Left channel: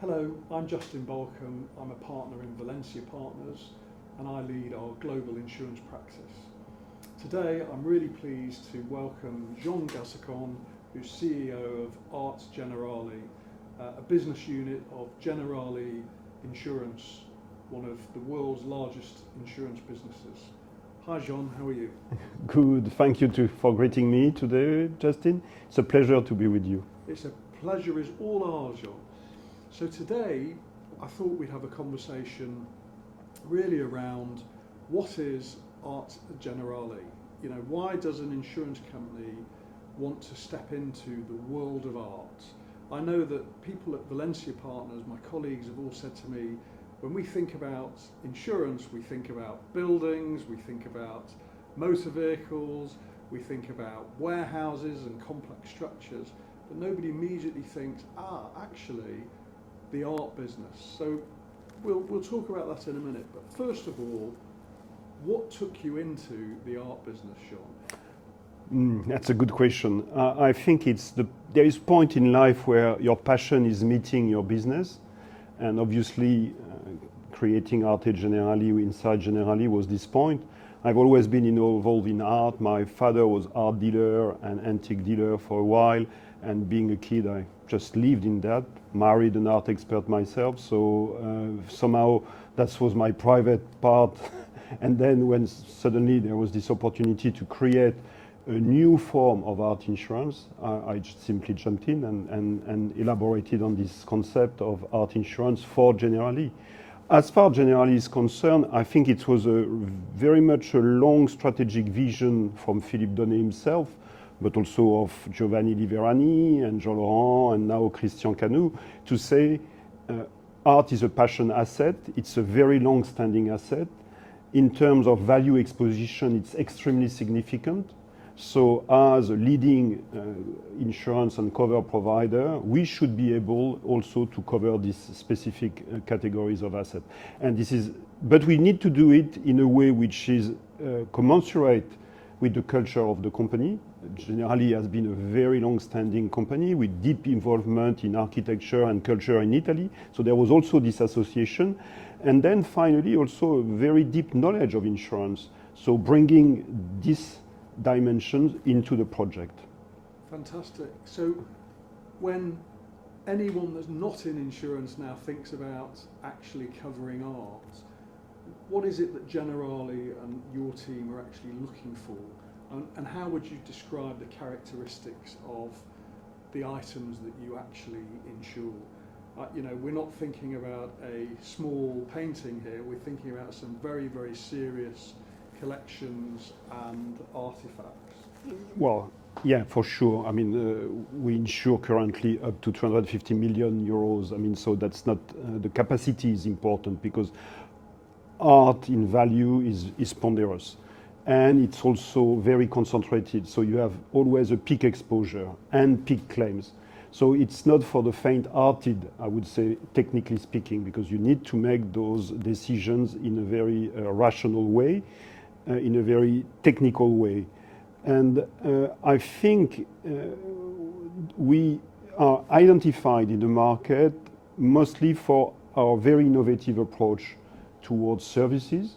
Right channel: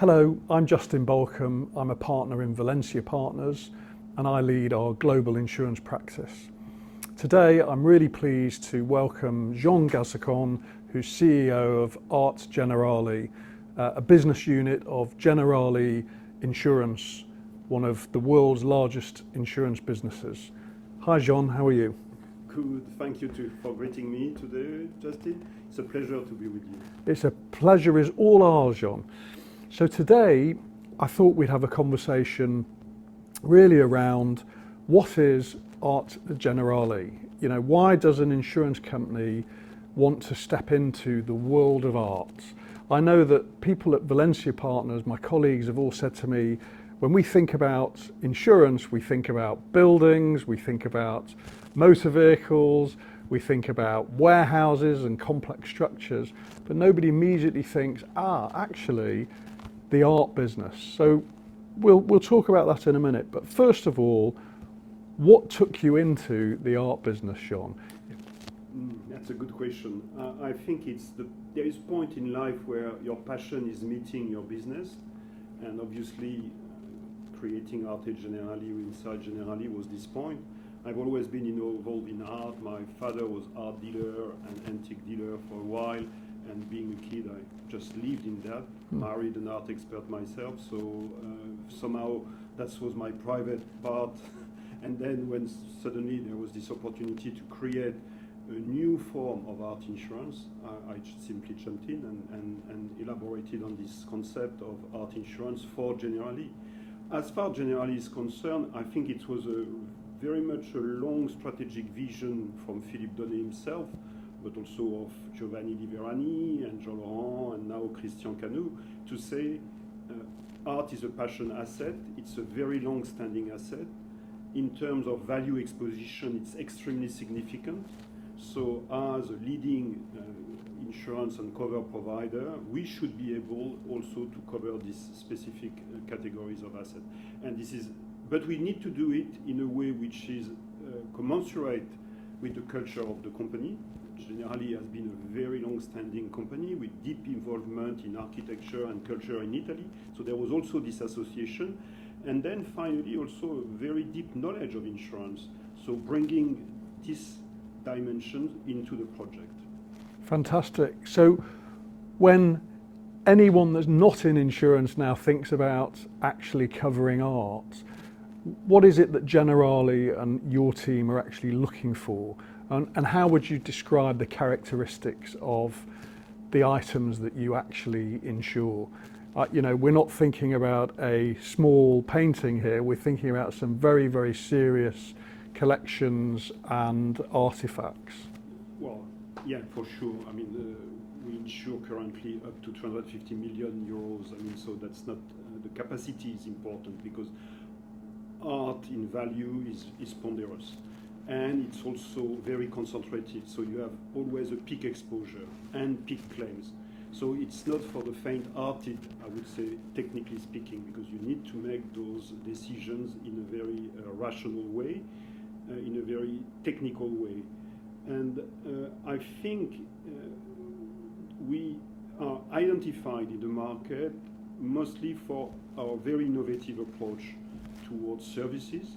Hello, I'm Justin Bolcom. I'm a partner in Valencia Partners and I lead our global insurance practice. Today I'm really pleased to welcome Jean Gazançon, who's CEO of ARTE Generali, a business unit of Generali Insurance, one of the world's largest insurance businesses. Hi Jean, how are you? Good, thank you for greeting me today, Justin. It's a pleasure to be with you. It's a pleasure is all ours, Jean. So today I thought we'd have a conversation really around what is ARTE Generali? You know, why does an insurance company want to step into the world of art? I know that people at Valencia Partners, my colleagues, have all said to me, when we think about insurance, we think about buildings, we think about motor vehicles, we think about warehouses and complex structures, but nobody immediately thinks, actually, the art business. So we'll talk about that in a minute. But first of all, what took you into the art business, Jean? That's a good question. I think there is a point in life where your passion is meeting your business, and obviously creating ARTE Generali inside Generali was this point. I've always been involved in art. My father was art dealer and antique dealer for a while, and being a kid I just lived in that, married an art expert myself, so somehow that was my private part. And then when suddenly there was this opportunity to create a new form of art insurance, I just simply jumped in and elaborated on this concept of art insurance for Generali. As far as Generali is concerned, I think it was very much a long strategic vision from Philippe Donnet himself, but also of Giovanni Liverani and Jean Laurent and now Christian Canu, to say art is a passion asset. It's a very long-standing asset. In terms of value exposition, it's extremely significant. So as a leading insurance and cover provider, we should be able also to cover these specific categories of asset. But we need to do it in a way which is commensurate with the culture of the company. Generali has been a very long-standing company with deep involvement in architecture and culture in Italy. So there was also this association. And then finally also a very deep knowledge of insurance. So bringing this dimensions into the project. Fantastic. So when anyone that's not in insurance now thinks about actually covering art, what is it that Generali and your team are actually looking for? And how would you describe the characteristics of the items that you actually insure? You know, we're not thinking about a small painting here, we're thinking about some very, very serious collections and artifacts. Well, yeah, for sure. I mean, we insure currently up to 250 million euros. I mean, so that's not, the capacity is important because art in value is ponderous. And it's also very concentrated. So you have always a peak exposure and peak claims. So it's not for the faint-hearted, I would say, technically speaking, because you need to make those decisions in a very rational way. In a very technical way. And I think we are identified in the market mostly for our very innovative approach towards services,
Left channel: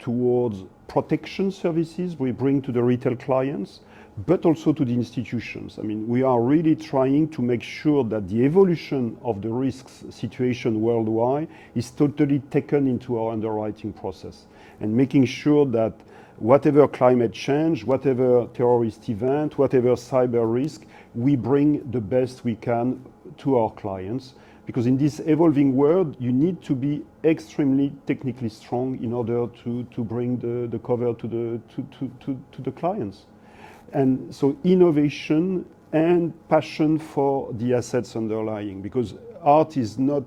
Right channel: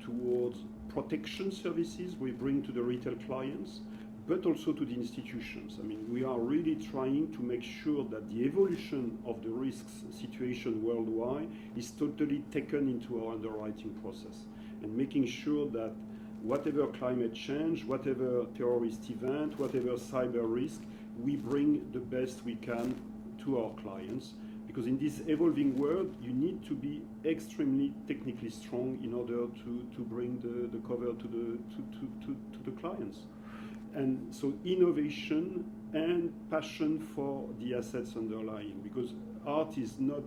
towards protection services we bring to the retail clients, but also to the institutions. I mean, we are really trying to make sure that the evolution of the risks situation worldwide is totally taken into our underwriting process. And making sure that whatever climate change, whatever terrorist event, whatever cyber risk, we bring the best we can to our clients. Because in this evolving world, you need to be extremely technically strong in order to bring the cover to the clients. And so innovation and passion for the assets underlying, because art is not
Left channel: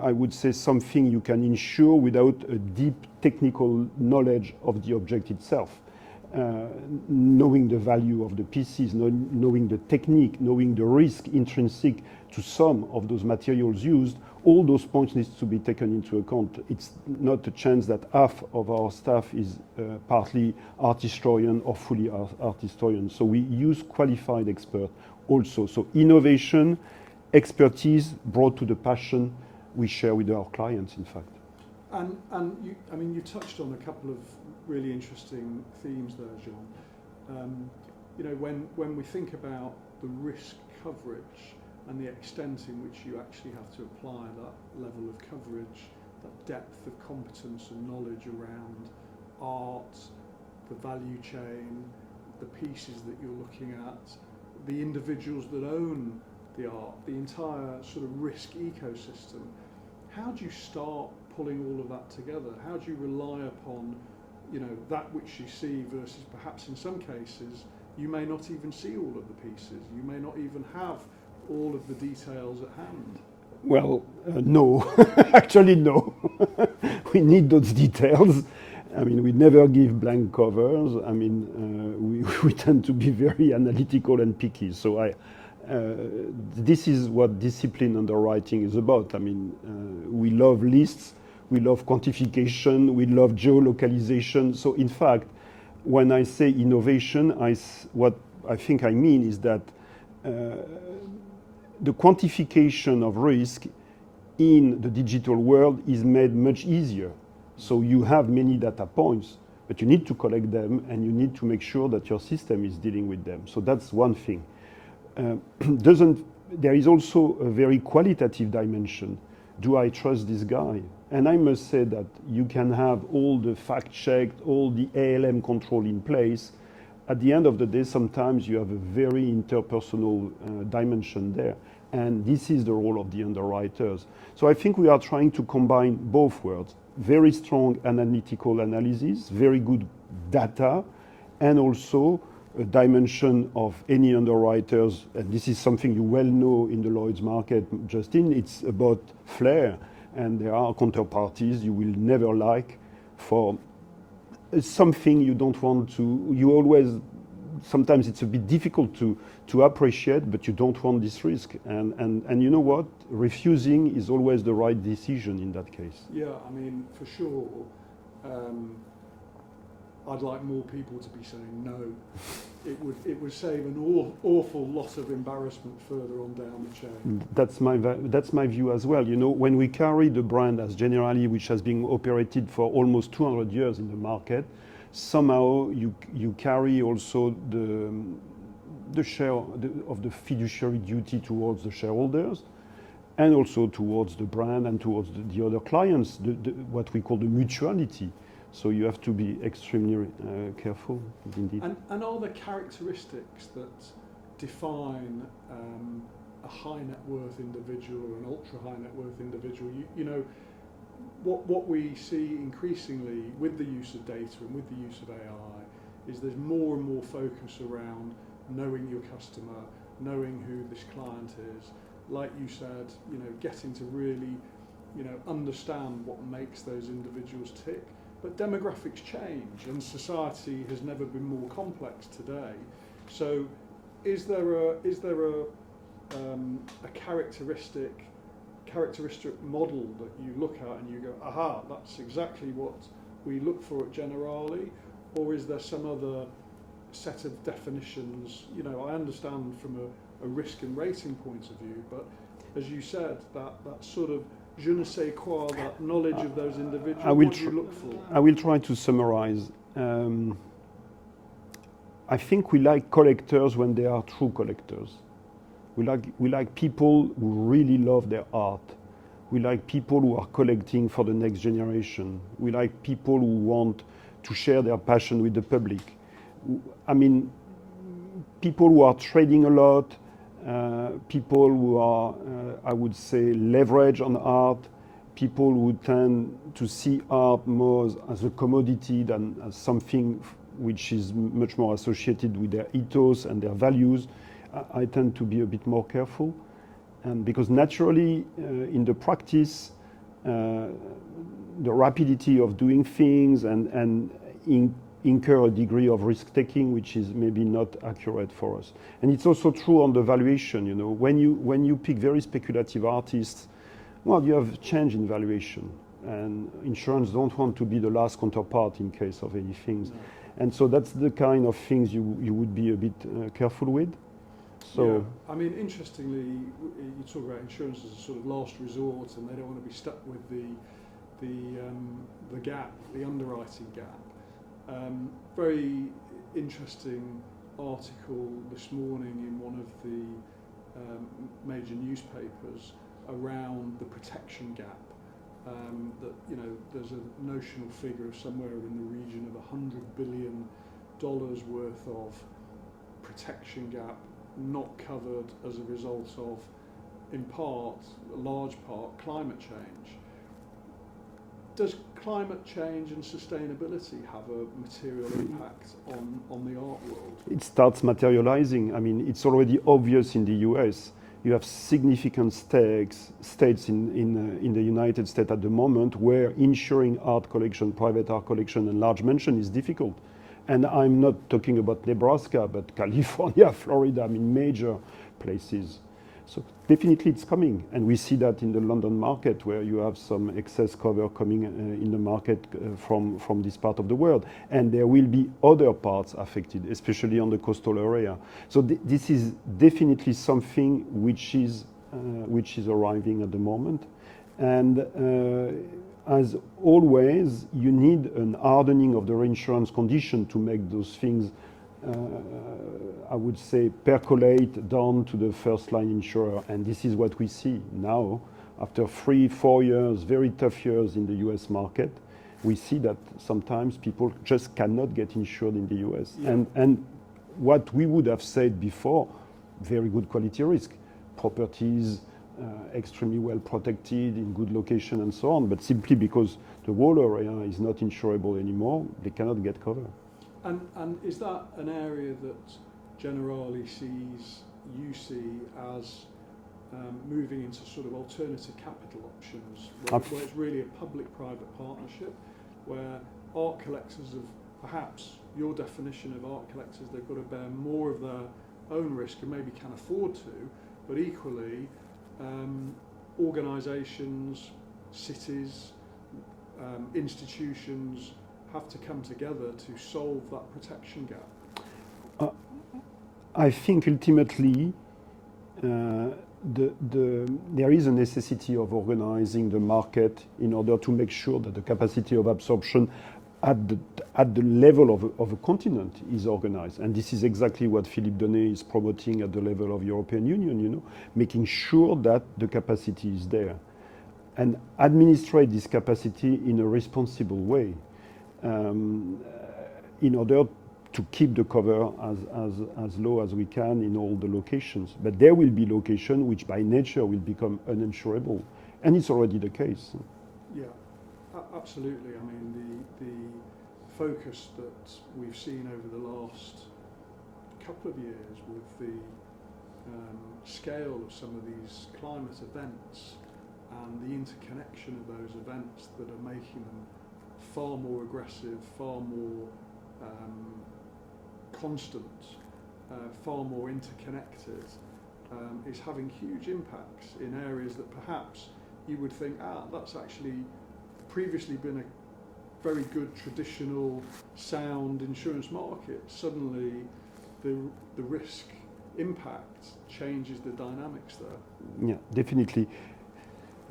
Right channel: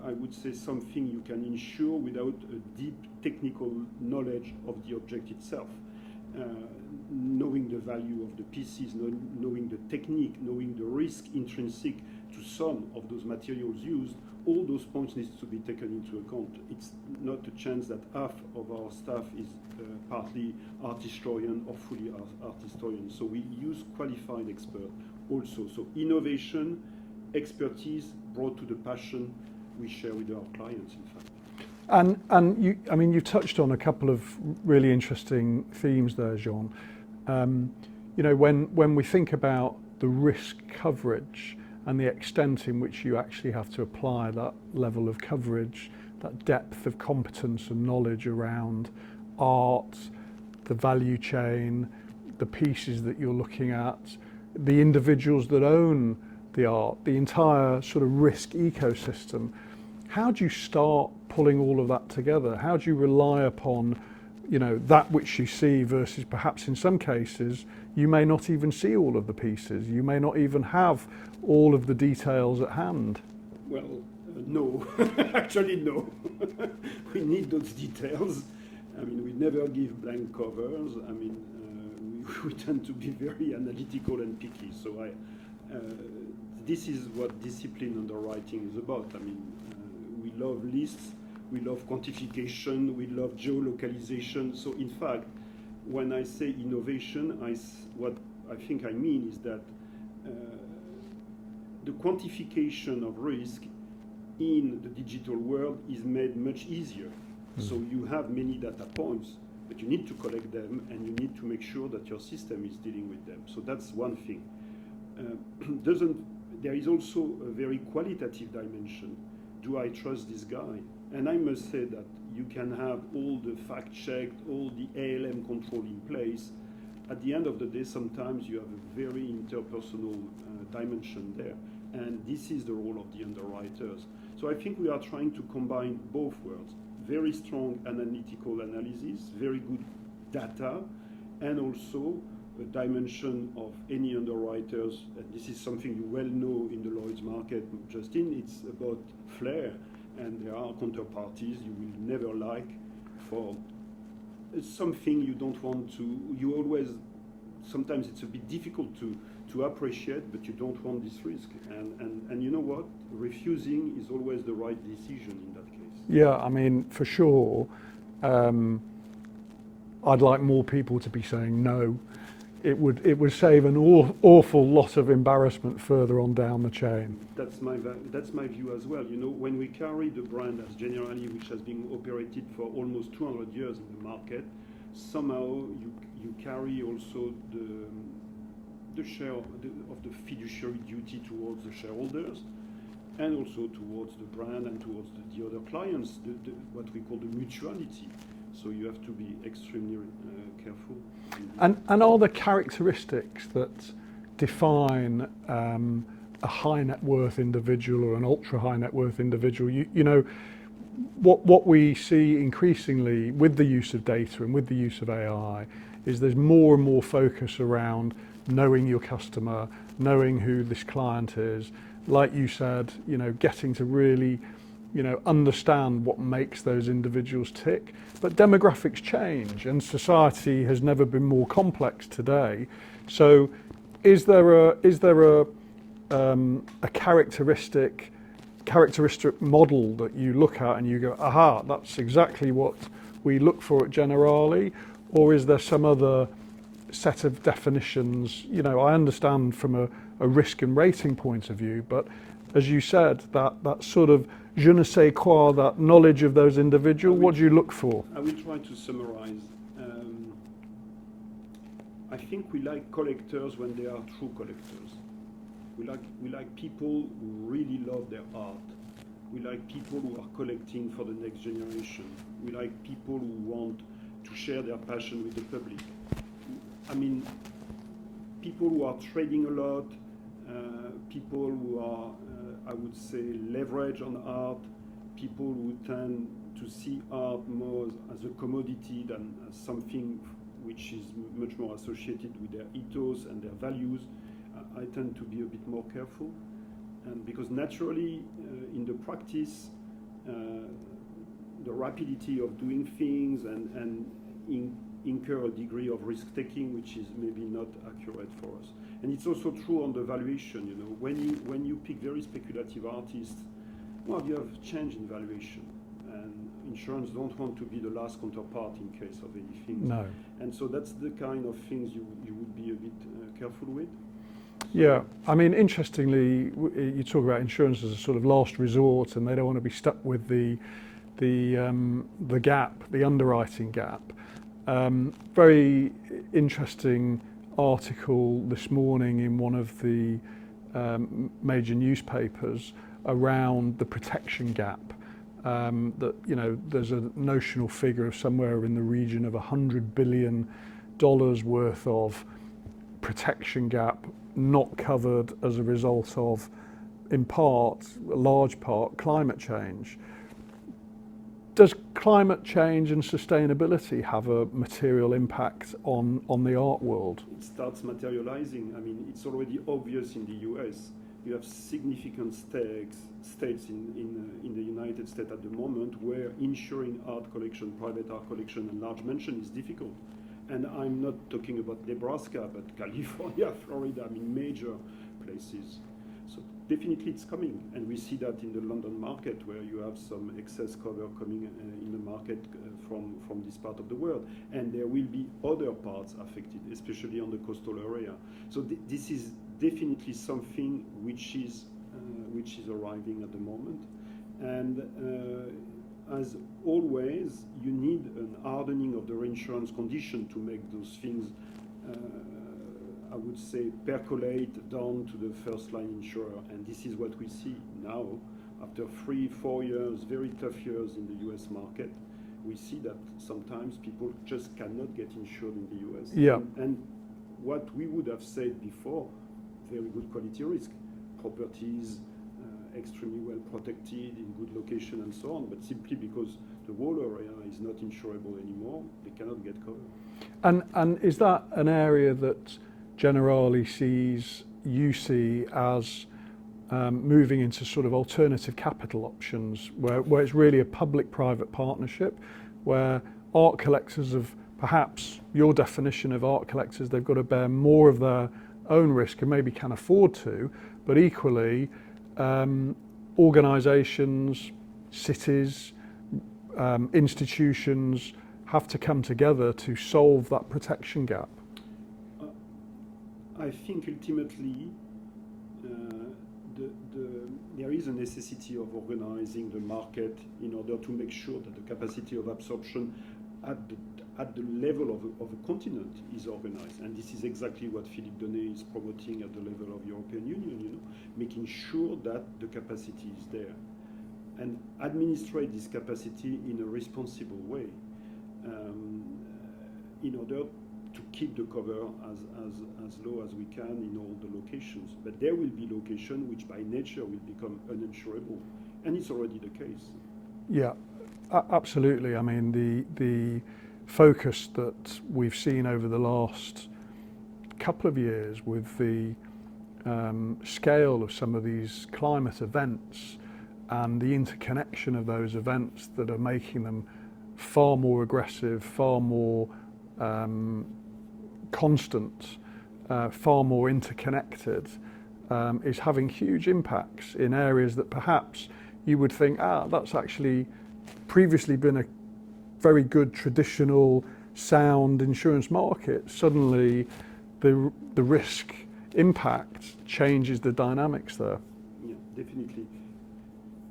I would say something you can insure without a deep technical knowledge of the object itself. Knowing the value of the pieces, knowing the technique, knowing the risk intrinsic to some of those materials used, all those points need to be taken into account. It's not a chance that half of our staff is partly art historian or fully art historian. So we use qualified experts also. So innovation expertise brought to the passion we share with our clients, in fact. And you, I mean, you've touched on a couple of really interesting themes there, Jean. You know, when we think about the risk coverage and the extent in which you actually have to apply that level of coverage, that depth of competence and knowledge around art, the value chain, the pieces that you're looking at, the individuals that own the art, the entire sort of risk ecosystem. How do you start pulling all of that together? How do you rely upon, you know, that which you see versus perhaps in some cases you may not even see all of the pieces, you may not even have all of the details at hand? Well, no, actually no. We need those details. I mean, we never give blank covers. I mean, we tend to be very analytical and picky. So this is what discipline underwriting is about. I mean, we love lists, we love quantification, we love geolocalization. So in fact, when I say innovation, what I think I mean is that the quantification of risk in the digital world is made much easier. So you have many data points, but you need to collect them and you need to make sure that your system is dealing with them. So that's one thing. There is also a very qualitative dimension. Do I trust this guy? And I must say that you can have all the fact checked, all the ALM control in place. At the end of the day, sometimes you have a very interpersonal dimension there. And this is the role of the underwriters. So I think we are trying to combine both worlds. Very strong analytical analysis, very good data, and also a dimension of any underwriters, and this is something you well know in the Lloyd's market, Justin, it's about flair, and there are counterparties you will never like for something you don't want to, you always, sometimes it's a bit difficult to appreciate, but you don't want this risk. And you know what? Refusing is always the right decision in that case. Yeah, I mean, for sure, I'd like more people to be saying no. It would save an awful lot of embarrassment further on down the chain. That's my view as well. You know, when we carry the brand as Generali, which has been operated for almost 200 years in the market, somehow you carry also the share of the fiduciary duty towards the shareholders, and also towards the brand and towards the other clients, what we call the mutuality. So you have to be extremely careful indeed. And are there characteristics that define a high net worth individual or an ultra high net worth individual? You know, what we see increasingly with the use of data and with the use of AI is there's more and more focus around knowing your customer, knowing who this client is. Like you said, you know, getting to really, you know, understand what makes those individuals tick. But demographics change and society has never been more complex today. So is there a characteristic model that you look at and you go, aha, that's exactly what we look for at Generali? Or is there some other set of definitions? You know, I understand from a risk and rating point of view, but as you said, that sort of je ne sais quoi, that knowledge of those individuals, what do you look for? I will try to summarize. I think we like collectors when they are true collectors. We like people who really love their art. We like people who are collecting for the next generation. We like people who want to share their passion with the public. I mean, people who are trading a lot, people who are, I would say, leverage on art, people who tend to see art more as a commodity than as something which is much more associated with their ethos and their values. I tend to be a bit more careful, and because naturally in the practice, the rapidity of doing things and incur a degree of risk-taking which is maybe not accurate for us. And it's also true on the valuation. You know, when you pick very speculative artists, well, you have change in valuation, and insurance don't want to be the last counterpart in case of anything. No. And so that's the kind of things you would be a bit careful with. So Yeah, I mean, interestingly, you talk about insurance as a sort of last resort, and they don't want to be stuck with the gap, the underwriting gap. Very interesting article this morning in one of the major newspapers around the protection gap. That, you know, there's a notional figure of somewhere in the region of $100 billion worth of protection gap not covered as a result of, in part, a large part, climate change. Does climate change and sustainability have a material impact on the art world? it starts materializing. I mean, it's already obvious in the US. You have significant states in the United States at the moment where insuring art collection, private art collection, and large mansion is difficult. And I'm not talking about Nebraska, but California, Florida, I mean, major places. So definitely it's coming. And we see that in the London market, where you have some excess cover coming in the market from this part of the world. And there will be other parts affected, especially on the coastal area. So this is definitely something which is arriving at the moment. And as always, you need an hardening of the reinsurance condition to make those things, I would say, percolate down to the first line insurer. And this is what we see now. After 3-4 years, very tough years in the US market, we see that sometimes people just cannot get insured in the US. Yeah. And what we would have said before, very good quality risk, properties, extremely well protected in good location and so on, but simply because the whole area is not insurable anymore, they cannot get cover. And is that an area that Generali you see as moving into sort of alternative capital options, where it's really a public-private partnership, where art collectors have, perhaps your definition of art collectors, they've got to bear more of their own risk and maybe can afford to, but equally organisations, cities, institutions have to come together to solve that protection gap? I think ultimately there is a necessity of organizing the market in order to make sure that the capacity of absorption at the level of a continent is organized. And this is exactly what Philippe Donnet is promoting at the level of European Union, you know, making sure that the capacity is there and administrate this capacity in a responsible way in order to keep the cover as low as we can in all the locations. But there will be locations which by nature will become uninsurable, and it's already the case. Yeah, absolutely. I mean, the focus that we've seen over the last couple of years with the scale of some of these climate events and the interconnection of those events that are making them far more aggressive, far more constant, far more interconnected, is having huge impacts in areas that perhaps you would think, that's actually previously been a very good traditional sound insurance market. Suddenly the risk impact changes the dynamics there. Yeah, definitely.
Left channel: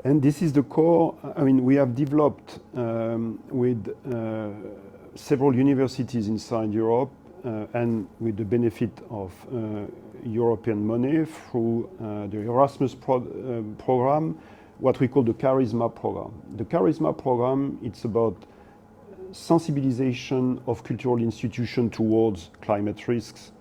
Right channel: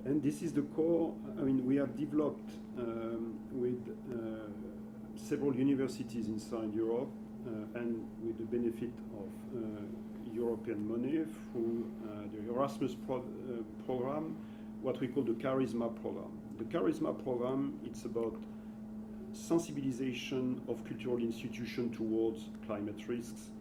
And this is the core. I mean, we have developed with several universities inside Europe and with the benefit of European money through the Erasmus program, what we call the Charisma program. The Charisma program, it's about sensibilization of cultural institutions towards climate risks,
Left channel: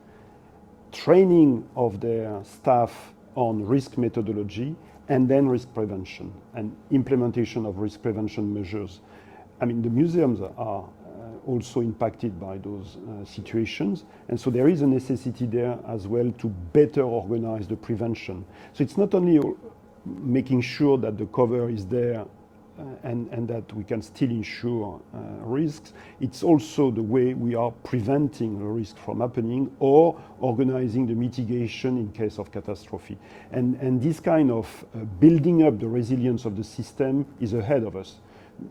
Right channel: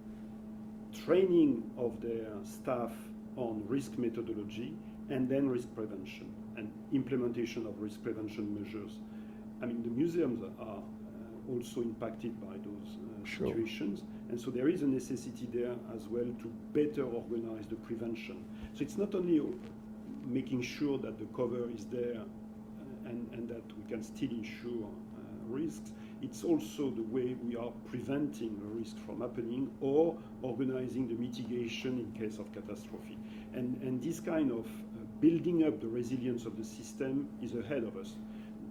training of their staff on risk methodology, and then risk prevention and implementation of risk prevention measures. I mean, the museums are also impacted by those situations. And so there is a necessity there as well to better organize the prevention. So it's not only making sure that the cover is there and that we can still insure risks, it's also the way we are preventing a risk from happening or organizing the mitigation in case of catastrophe. And this kind of building up the resilience of the system is ahead of us.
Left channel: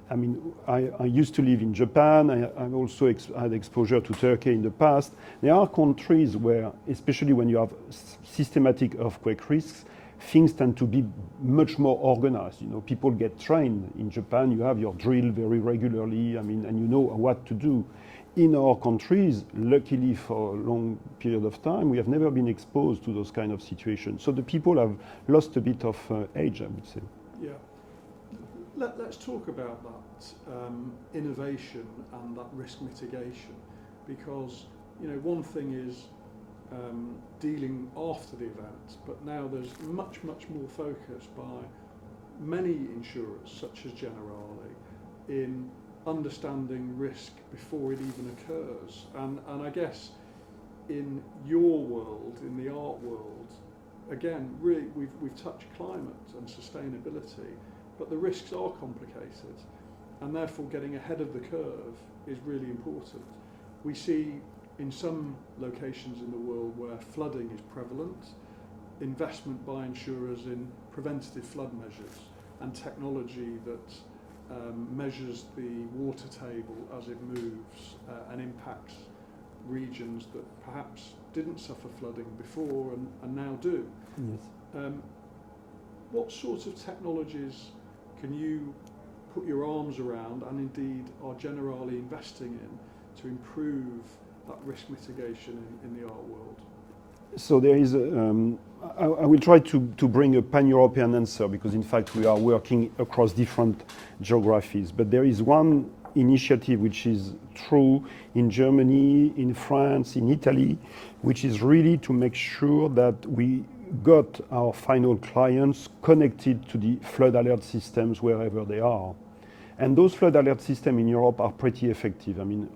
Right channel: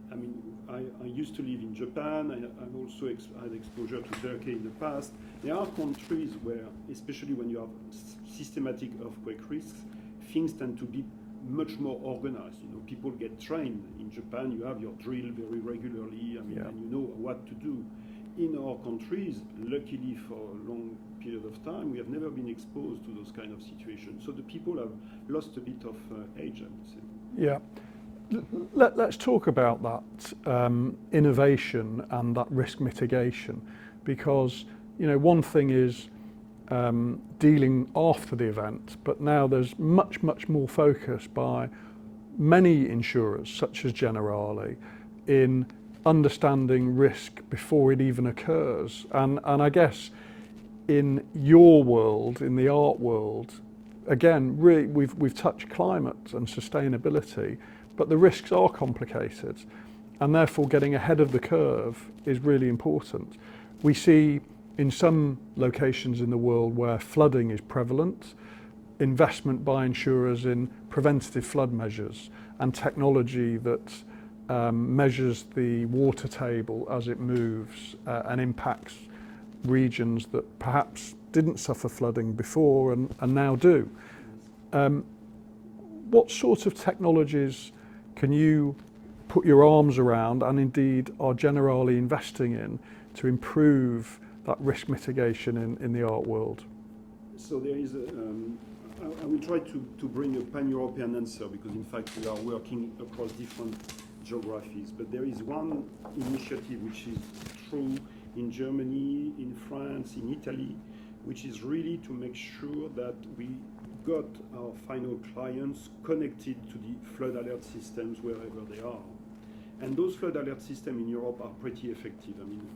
I mean, I used to live in Japan. I also had exposure to Turkey in the past. There are countries where, especially when you have systematic earthquake risks, things tend to be much more organized. You know, people get trained. In Japan, you have your drill very regularly. I mean, and you know what to do. In our countries, luckily for a long period of time, we have never been exposed to those kind of situations. So the people have lost a bit of age, I would say. Yeah. Let's talk about that innovation and that risk mitigation, because you know one thing is dealing after the event, but now there's much more focus by many insurers, such as Generali, in understanding risk before it even occurs. And I guess in your world, in the art world, again, really we've touched climate and sustainability, but the risks are complicated, and therefore getting ahead of the curve is really important. We see in some locations in the world where flooding is prevalent, investment by insurers in preventative flood measures and technology that measures the water table as it moves and impacts regions that perhaps didn't suffer flooding before and now do. Yes. What sort of technologies can you put your arms around, and indeed are Generali investing in, to improve that risk mitigation in the art world? So there is I will try to bring a pan-European answer, because in fact we are working across different geographies. But there is one initiative which is true in Germany, in France, in Italy, which is really to make sure that we got our final clients connected to the flood alert systems wherever they are. And those flood alert systems in Europe are pretty effective. I mean,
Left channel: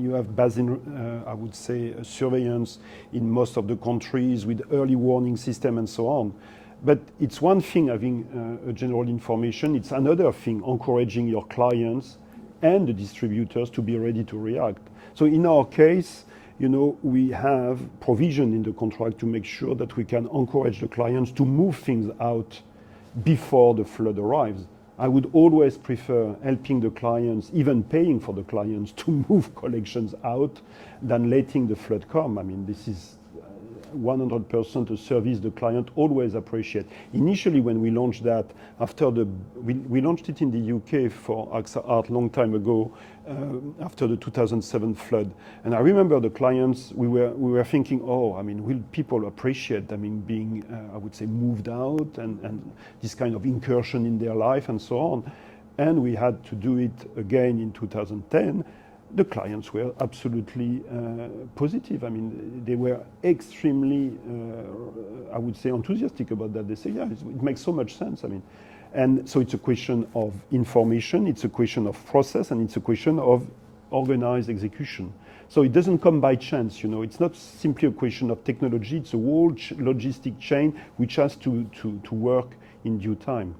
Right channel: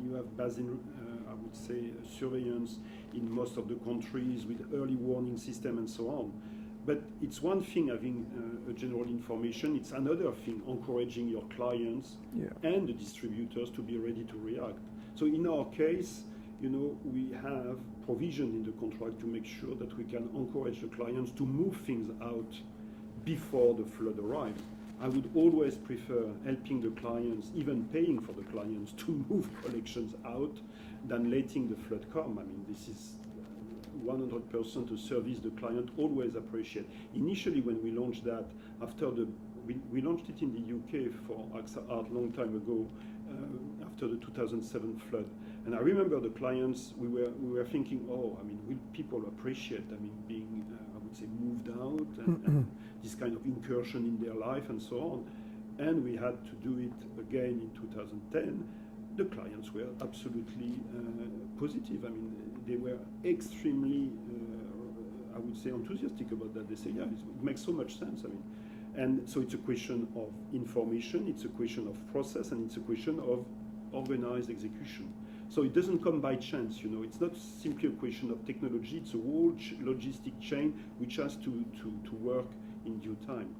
you have basin, I would say, surveillance in most of the countries with early warning system and so on. But it's one thing having a general information. It's another thing encouraging your clients and the distributors to be ready to react. So in our case, you know, we have provision in the contract to make sure that we can encourage the clients to move things out before the flood arrives. I would always prefer helping the clients, even paying for the clients, to move collections out than letting the flood come. I mean, this is 100% a service the client always appreciate. Initially, when we launched that, we launched it in the UK for AXA ARTE long time ago, after the 2007 flood. And I remember the clients, we were thinking, oh, I mean, will people appreciate, I mean, being, I would say, moved out and this kind of incursion in their life and so on. And we had to do it again in 2010. The clients were absolutely positive. I mean, they were extremely, I would say, enthusiastic about that. They say, yeah, it makes so much sense. I mean, and so it's a question of information, it's a question of process, and it's a question of organized execution. So it doesn't come by chance, you know. It's not simply a question of technology. It's a whole logistic chain which has to work in due time.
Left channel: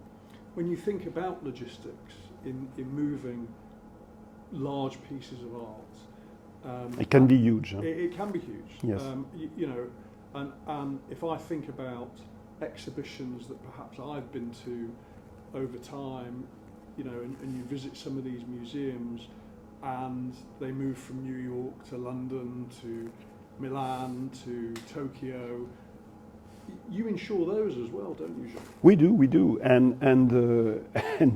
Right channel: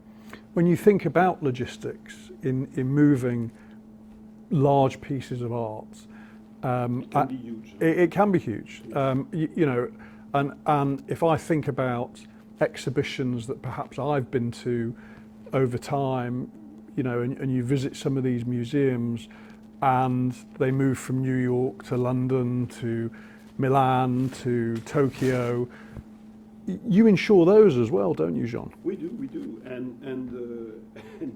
When you think about logistics in moving large pieces of art, it can be huge. Huh? It can be huge. Yes. You know, and if I think about exhibitions that perhaps I've been to over time, you know, and you visit some of these museums, and they move from New York to London to Milan to Tokyo. You insure those as well, don't you, Jean? We do, and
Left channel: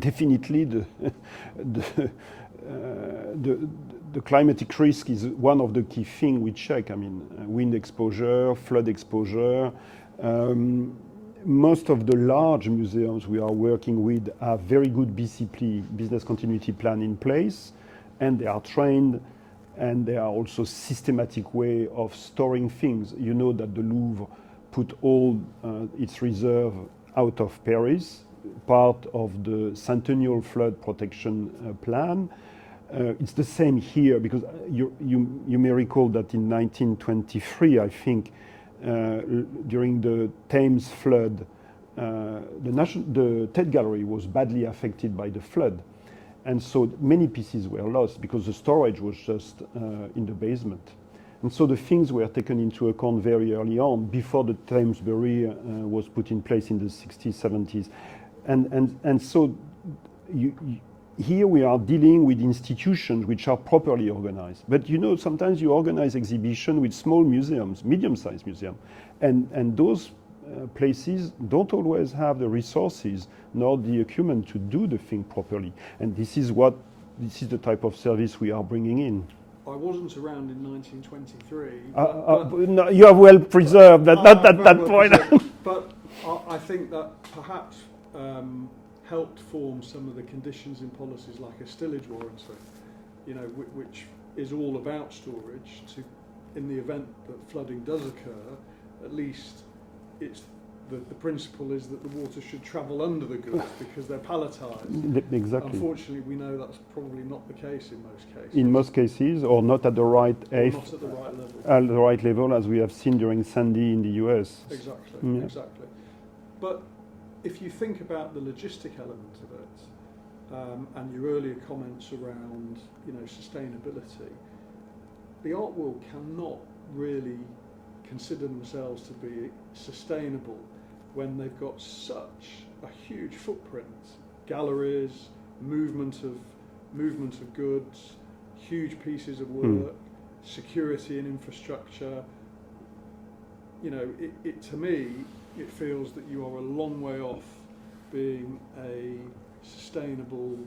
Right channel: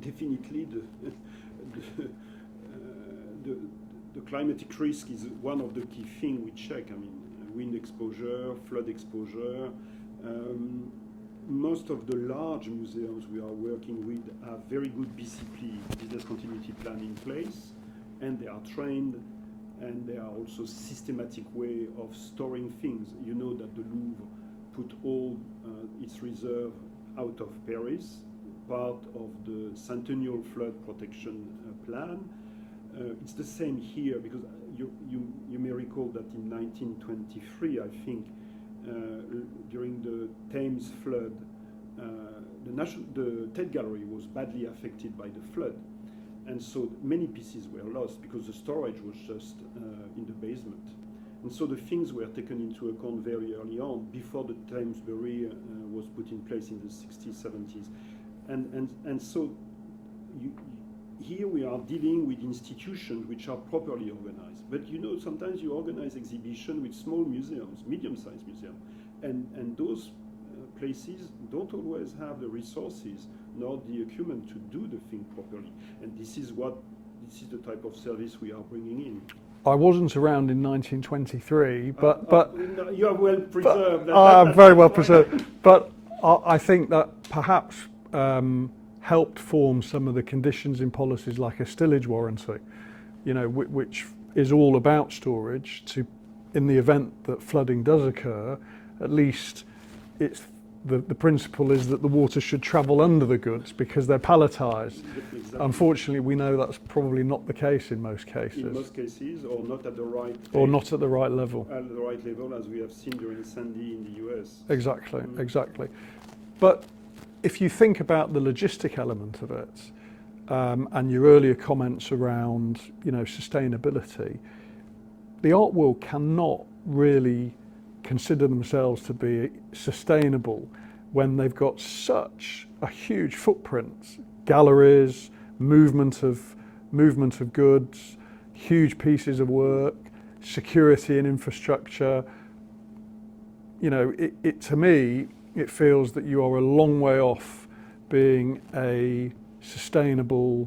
definitely the climatic risk is one of the key things we check. I mean, wind exposure, flood exposure. Most of the large museums we are working with have very good BCP, business continuity plan, in place, and they are trained, and there are also systematic way of storing things. You know that the Louvre put all its reserve out of Paris, part of the Centennial Flood Protection Plan. It's the same here, because you may recall that in 1923, I think, during the Thames flood, the Tate Gallery was badly affected by the flood. And so many pieces were lost because the storage was just in the basement. And so the things were taken into account very early on, before the Thames barrier was put in place in the 60s, 70s. And so here we are dealing with institutions which are properly organized. But you know, sometimes you organize exhibition with small museums, medium-sized museums, and those places don't always have the resources nor the acumen to do the thing properly. And this is the type of service we are bringing in. I wasn't around in 1923, but no, you are well preserved. Very well preserved. But I think that perhaps helped form some of the conditions in policies like a stillage warranty, you know, which is all about storage. To, in the event that flooding does occur, at least it's the principle is that the water should travel under the goods because they're palletized. Exactly. Unfortunately, we know that's probably not the case in most cases. In most cases, or not at the right not at the right level. At the right level, as we have seen during Sandy in the US. Exactly, exactly. But if you think about the logistic element of it, and your earlier comments around, you know, sustainability, the art world cannot really consider themselves to be sustainable when they've got such a huge footprint, galleries, movement of goods, huge pieces of work, security and infrastructure. You know, it to me, it feels that you are a long way off being a sustainable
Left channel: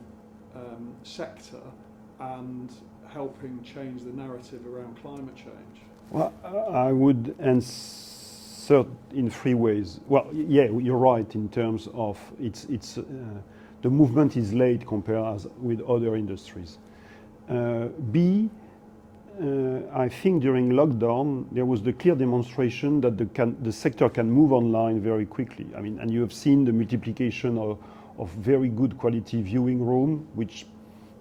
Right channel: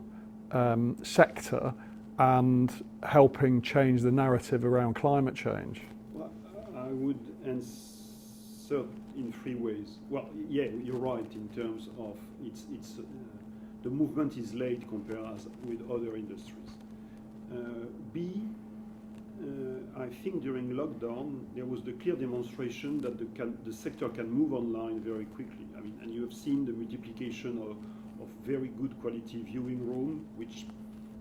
sector and helping change the narrative around climate change. Well, I would answer in three ways. Well, yeah, you're right in terms of the movement is late compared with other industries. B, I think during lockdown there was the clear demonstration that the sector can move online very quickly. I mean, and you have seen the multiplication of very good quality viewing room, which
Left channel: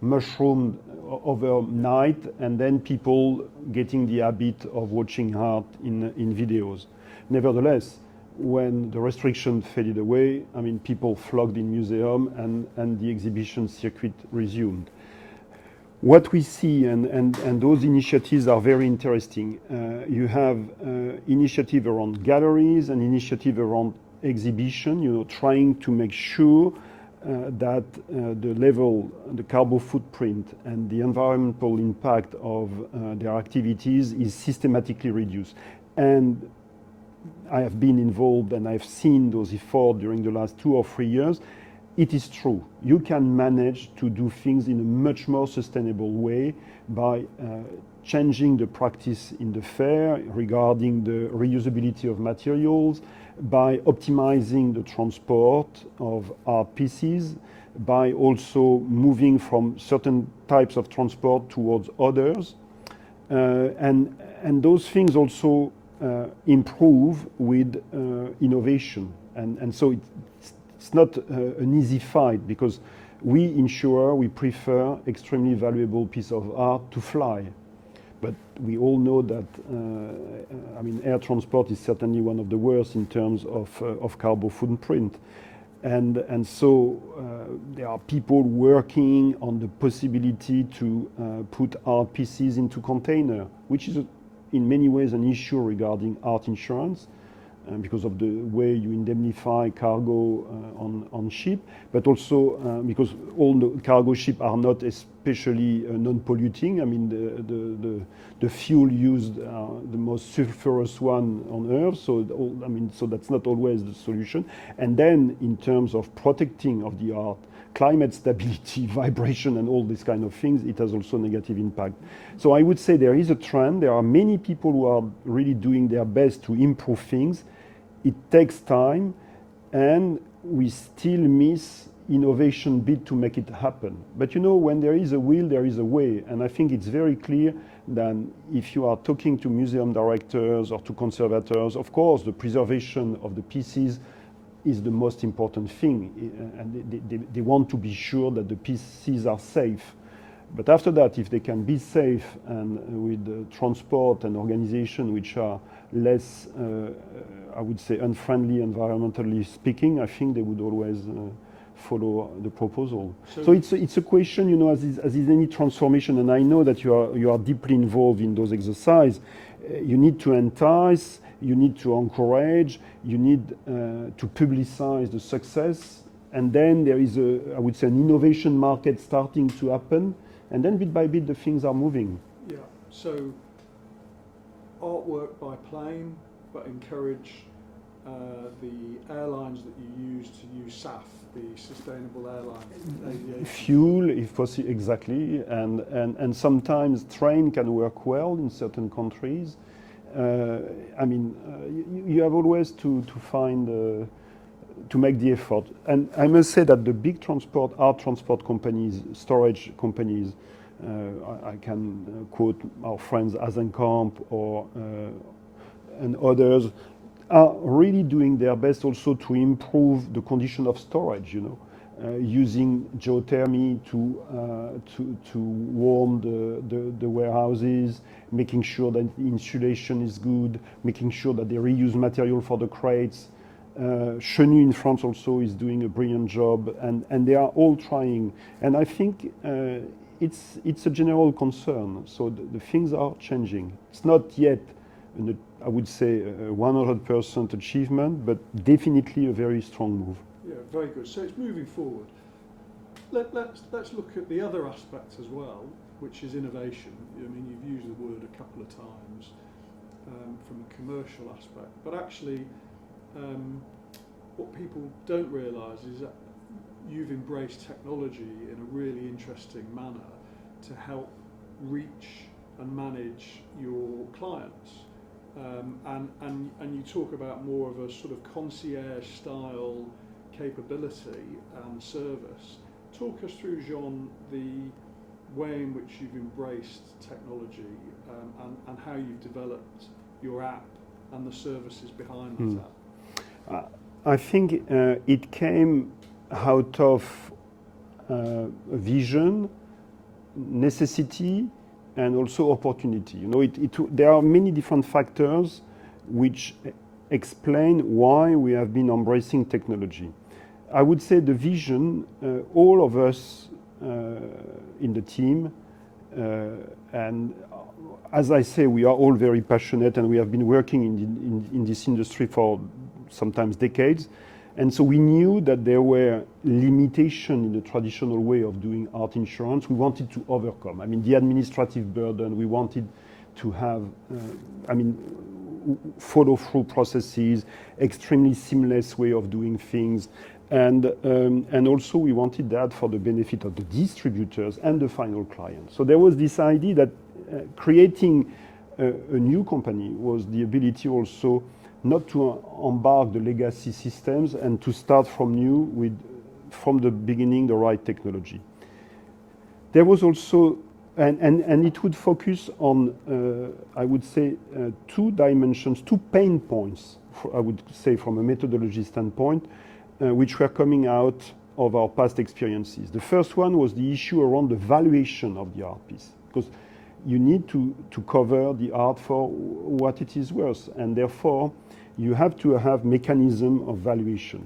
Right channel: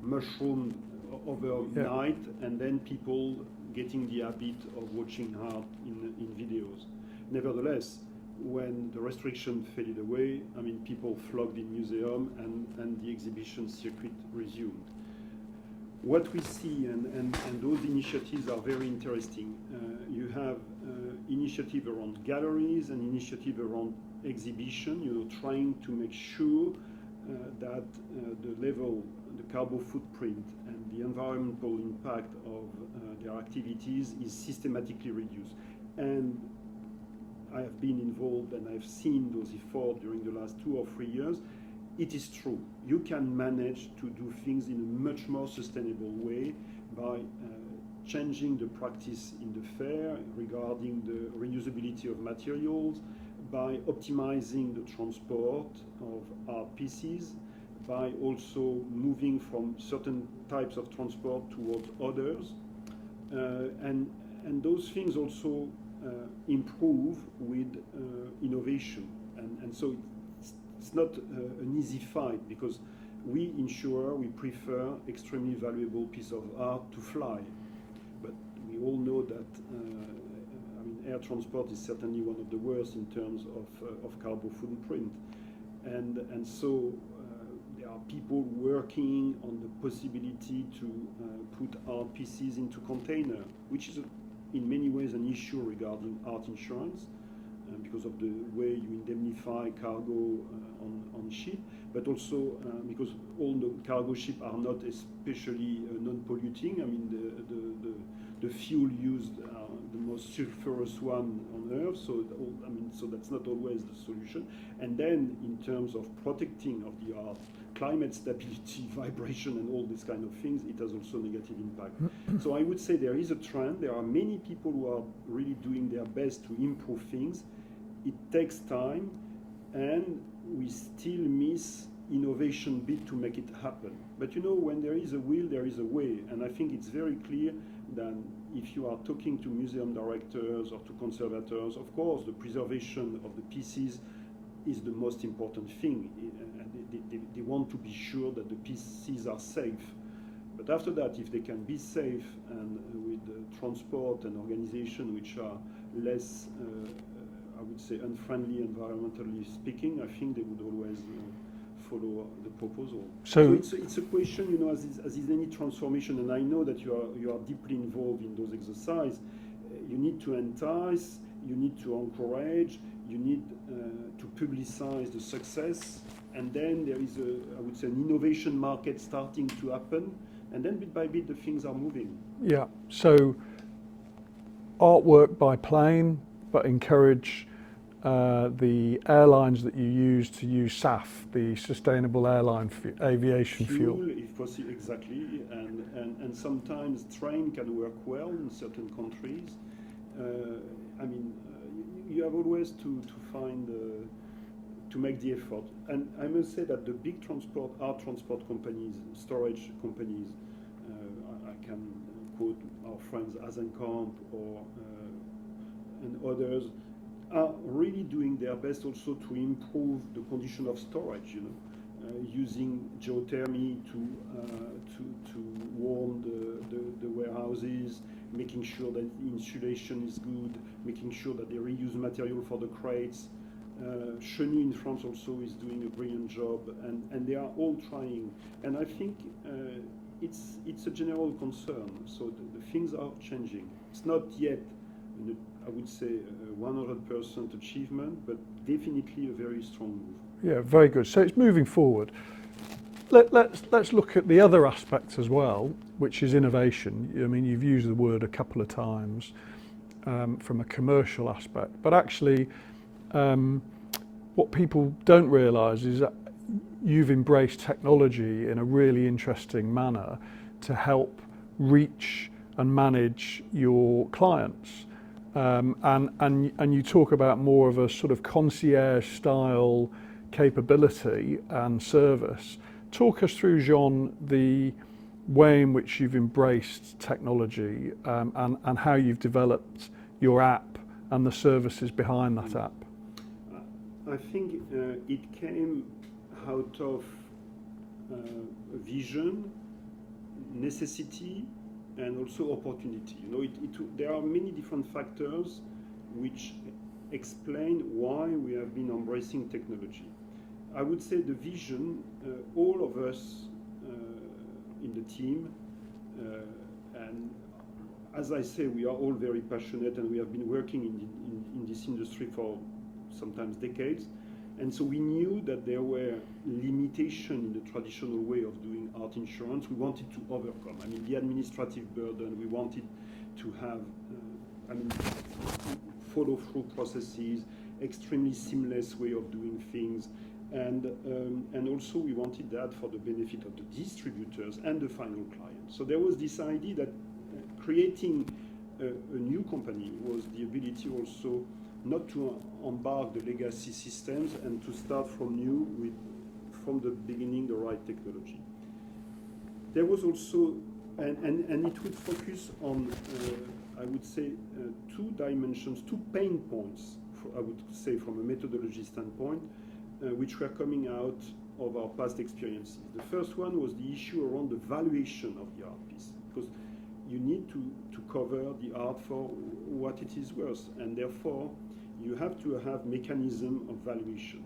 mushroomed overnight, and then people getting the habit of watching art in videos. Nevertheless, when the restriction faded away, I mean, people flocked in museum and the exhibition circuit resumed. What we see, and those initiatives are very interesting. You have initiative around galleries and initiative around exhibition, you know, trying to make sure that the carbon footprint and the environmental impact of their activities is systematically reduced. And I have been involved and I've seen those efforts during the last 2 or 3 years. It is true. You can manage to do things in a much more sustainable way by changing the practice in the fair regarding the reusability of materials, by optimizing the transport of art pieces, by also moving from certain types of transport towards others. And those things also improve with innovation. And so it's not an easy fight, because we prefer extremely valuable piece of art to fly. But we all know that, I mean, air transport is certainly one of the worst in terms of carbon footprint. And so there are people working on the possibility to put art pieces into container, which is in many ways an issue regarding art insurance, because of the way you indemnify cargo on ship, but also because all the cargo ships are not especially non-polluting. I mean, the fuel used the most sulfurous one on Earth, so so that's not always the solution. And then in terms of protecting of the art, climate stability, vibration, and all these kind of things, it has also negative impact. So I would say there is a trend. There are many people who are really doing their best to improve things. It takes time, and we still miss innovation bit to make it happen. But you know, when there is a will, there is a way. And I think it's very clear that if you are talking to museum directors or to conservators, of course, the preservation of the pieces is the most important thing. And they want to be sure that the pieces are safe. But after that, if they can be safe and with transport and organization which are less, I would say, unfriendly environmentally speaking, I think they would always follow the proposal. So it's a question, you know, as is any transformation, and I know that you are deeply involved in those exercises. You need to entice, you need to encourage, you need to publicize the success And then there is, I would say, an innovation market starting to happen. And then bit by bit, the things are moving. Yeah. So artwork by plane, but encourage the airlines that you use to use SAF, the Sustainable Airline Aviation Fuel. If possible, exactly. And sometimes train can work well in certain countries. You have always to find, to make the effort. And I must say that the big art transport companies, storage companies, I can quote our friends Gazançon and others, are really doing their best also to improve the condition of storage, using geothermy to warm the warehouses, making sure that the insulation is good, making sure that they reuse material for the crates. Chenu in France also is doing a brilliant job, and they are all trying. And I think it's a general concern. So the things are changing. It's not yet, I would say, a 100% achievement, but definitely a very strong move. Yeah, very good. So it's moving forward. Let's look at the other aspects as well, which is innovation. I mean, you've used the word a couple of times from a commercial aspect, but actually what people don't realise is that you've embraced technology in a really interesting manner to help reach and manage your clients. And you talk about more of a sort of concierge style capability and service. Talk us through, Jean, the way in which you've embraced technology and how you've developed your app and the services behind that app. I think it came out of a vision, necessity, and also opportunity. There are many different factors which explain why we have been embracing technology. I would say the vision, all of us in the team, and as I say, we are all very passionate, and we have been working in this industry for sometimes decades. And so we knew that there were limitations in the traditional way of doing art insurance. We wanted to overcome. I mean, the administrative burden. We wanted to have, follow-through processes, extremely seamless way of doing things, and also we wanted that for the benefit of the distributors and the final client. So there was this idea that creating a new company was the ability also not to embark the legacy systems and to start from new with, from the beginning, the right technology. There was also, and it would focus on, I would say, two dimensions, two pain points, I would say from a methodology standpoint, which were coming out of our past experiences. The first one was the issue around the valuation of the art piece, because you need to cover the art for what it is worth, and therefore you have to have mechanism of valuation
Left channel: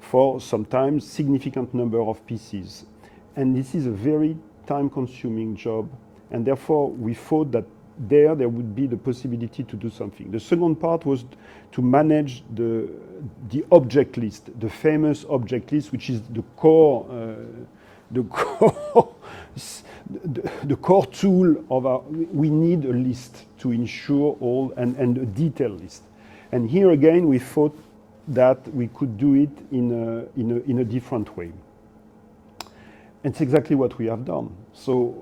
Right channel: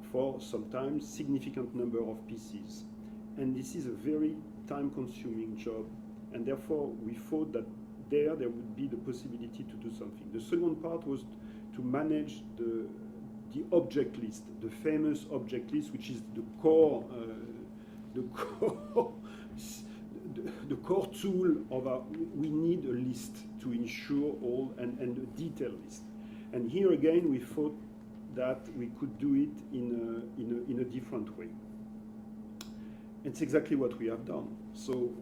for sometimes significant number of pieces. And this is a very time-consuming job, and therefore we thought that there would be the possibility to do something. The second part was to manage the object list, the famous object list, which is the core the core tool of our. We need a list to ensure all and a detailed list. And here again, we thought that we could do it in a different way. And it's exactly what we have done. So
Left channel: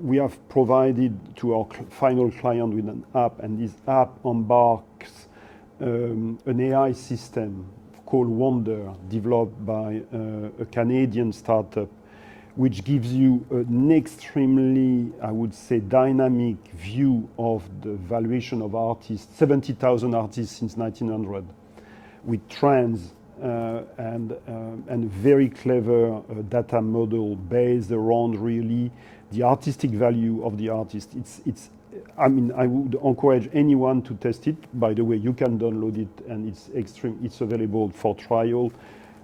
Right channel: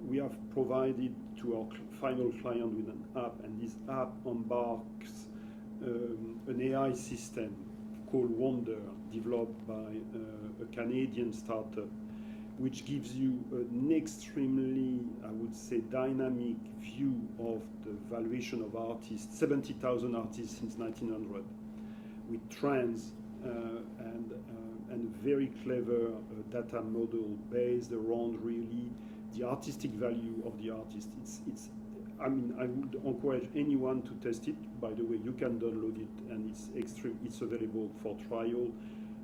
we have provided to our final client with an app, and this app embarks an AI system called Wonder, developed by a Canadian startup, which gives you an extremely, I would say, dynamic view of the valuation of artists, 70,000 artists since 1900, with trends and a very clever data model based around really the artistic value of the artist. I would encourage anyone to test it. By the way, you can download it, and it's available for trial.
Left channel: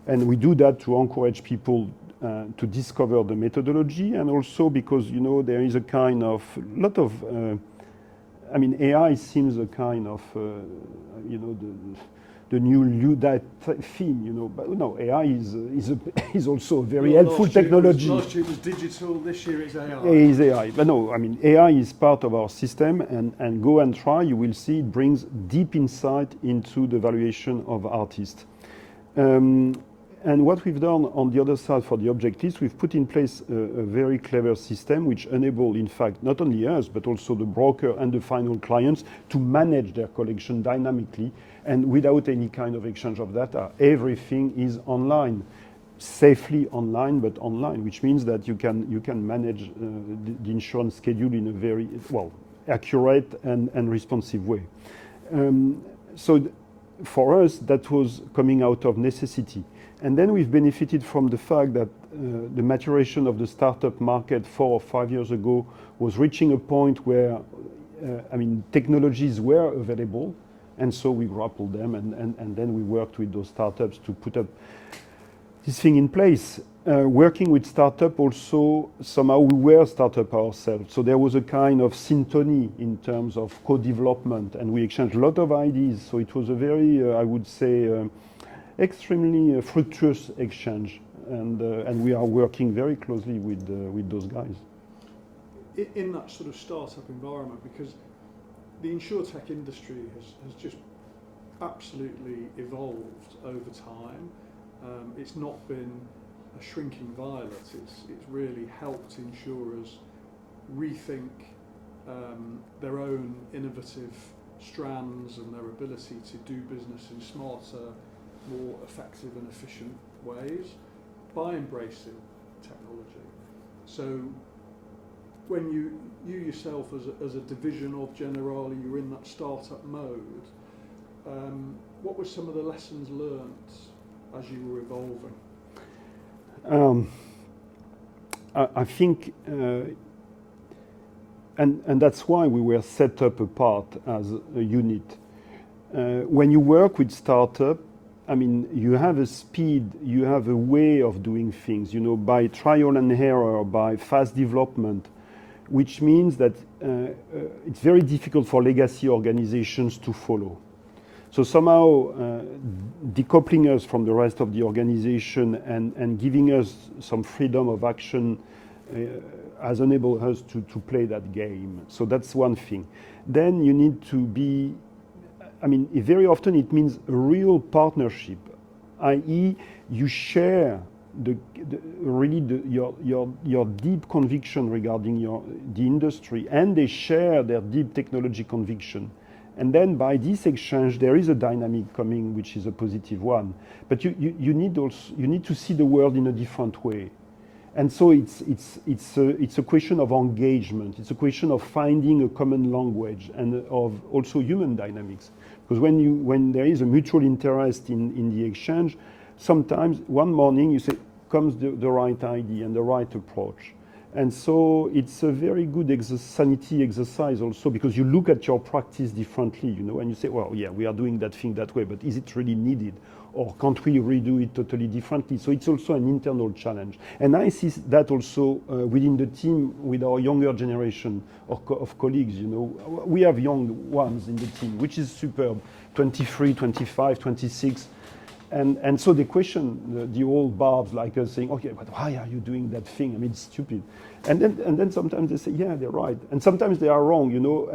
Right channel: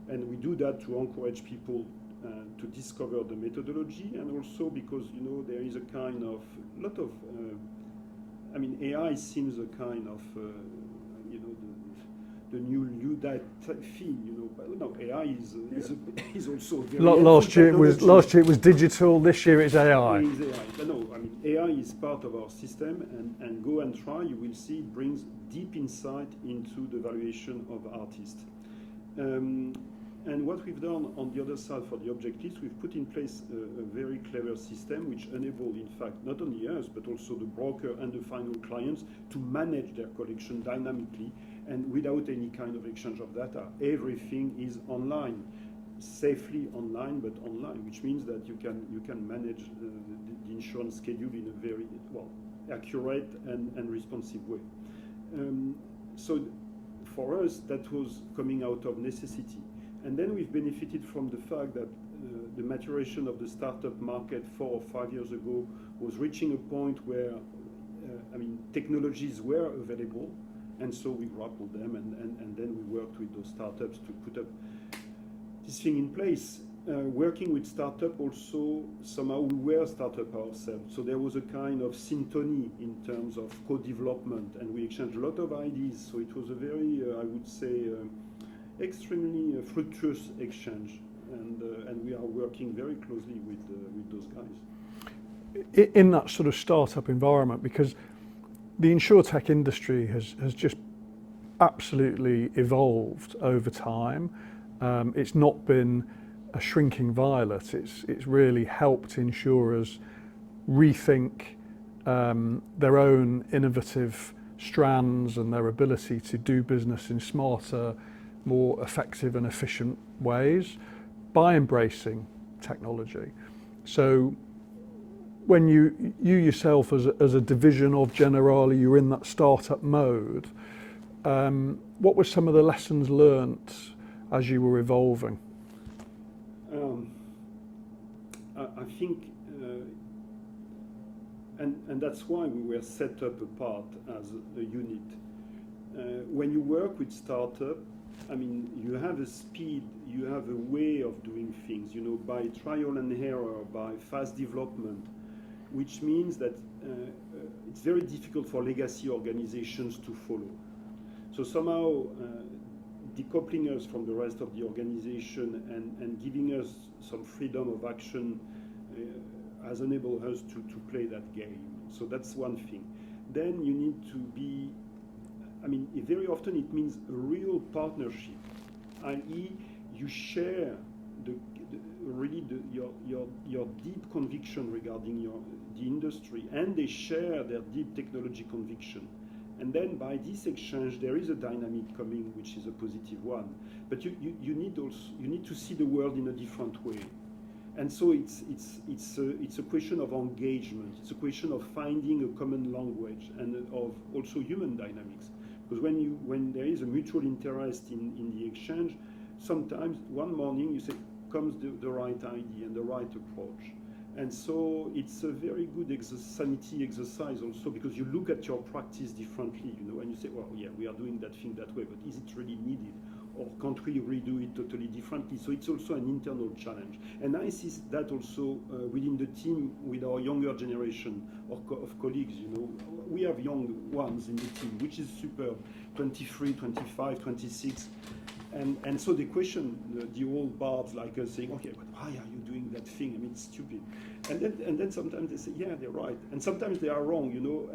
And we do that to encourage people to discover the methodology, and also because there is a kind of lot of AI seems a kind of new Luddite thing, you know. But no, AI is also a very helpful technology. Last year it was digital. This year it's AI. It is AI, but no, I mean AI is part of our system, and go and try. You will see it brings deep insight into the valuation of artists. And what we've done on the other side for the objectives, we've put in place a very clever system which enable, in fact, not only us, but also the broker and the final clients to manage their collection dynamically and without any kind of exchange of data. Everything is online, safely online, but online, which means that you can manage the insurance schedule in a very, well, accurate and responsive way. So for us, that was coming out of necessity. And then we've benefited from the fact that the maturation of the startup market 4 or 5 years ago was reaching a point where, technologies were available, and so we grappled them, and then we worked with those startups to put up this thing in place. Working with startup also, somehow we were startup ourselves, so there was a kind of syntony in terms of co-development, and we exchanged a lot of ideas, so it was a very, I would say, extremely fructuous exchange, and we are working very closely with those guys. In that sort of startup environment, because the insurtech industry has just absolutely evolved over time. It's not been a shrinking violet. It's really helped insurers rethink their own innovative strands and their ability to do business in smarter, more effective and efficient ways by embracing technology. So when you yourself as a division of Generali, you're in that startup mode, what were some of the lessons learnt as you were evolving? I think, and that's why we were set up apart as a unit. When you work with startup, I mean, you have a speed, you have a way of doing things, you know, by trial and error, by fast development, which means that it's very difficult for legacy organizations to follow. So somehow decoupling us from the rest of the organization and giving us some freedom of action has enabled us to play that game. So that's one thing. Then you need to be, I mean, very often it means a real partnership, i.e. you share your deep conviction regarding the industry, and they share their deep technology conviction. And then by this exchange, there is a dynamic coming, which is a positive one. But you need to see the world in a different way. And so it's a question of engagement. It's a question of finding a common language and of also human dynamics. Because when there is a mutual interest in the exchange, sometimes one morning you say, comes the right idea and the right approach. And so it's a very good sanity exercise also, because you look at your practice differently, you know, and you say, well, yeah, we are doing that thing that way, but is it really needed? Or can't we redo it totally differently? So it's also an internal challenge. And I see that also within the team with our younger generation of colleagues, you know. We have young ones in the team, which is superb, 23, 25, 26. And so they question the old barbs like us, saying, okay, but why are you doing that thing? I mean, it's stupid. And then sometimes they say, yeah, they're right. And sometimes they are wrong, you know,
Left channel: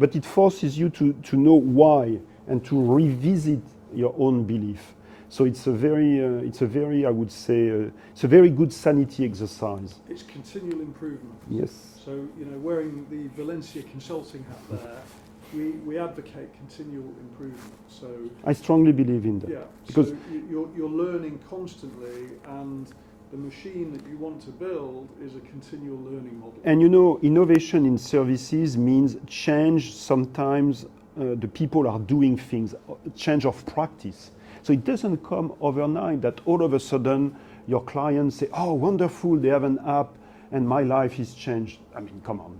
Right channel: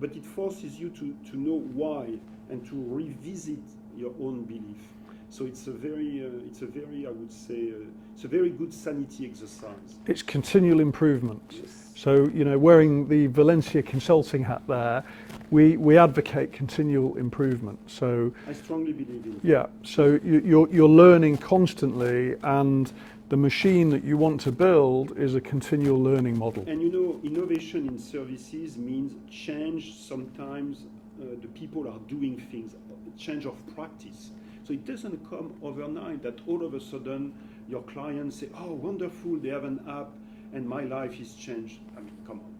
but it forces you to know why and to revisit your own belief. So it's a very, I would say, it's a very good sanity exercise. It's continual improvement. Yes. So, you know, wearing the Valencia consulting hat there, we advocate continual improvement. So I strongly believe in that. Yeah. So you're learning constantly, and the machine that you want to build is a continual learning model. And you know, innovation in services means change. Sometimes the people are doing things, change of practice. So it doesn't come overnight that all of a sudden your clients say, oh, wonderful, they have an app and my life is changed. I mean, come on,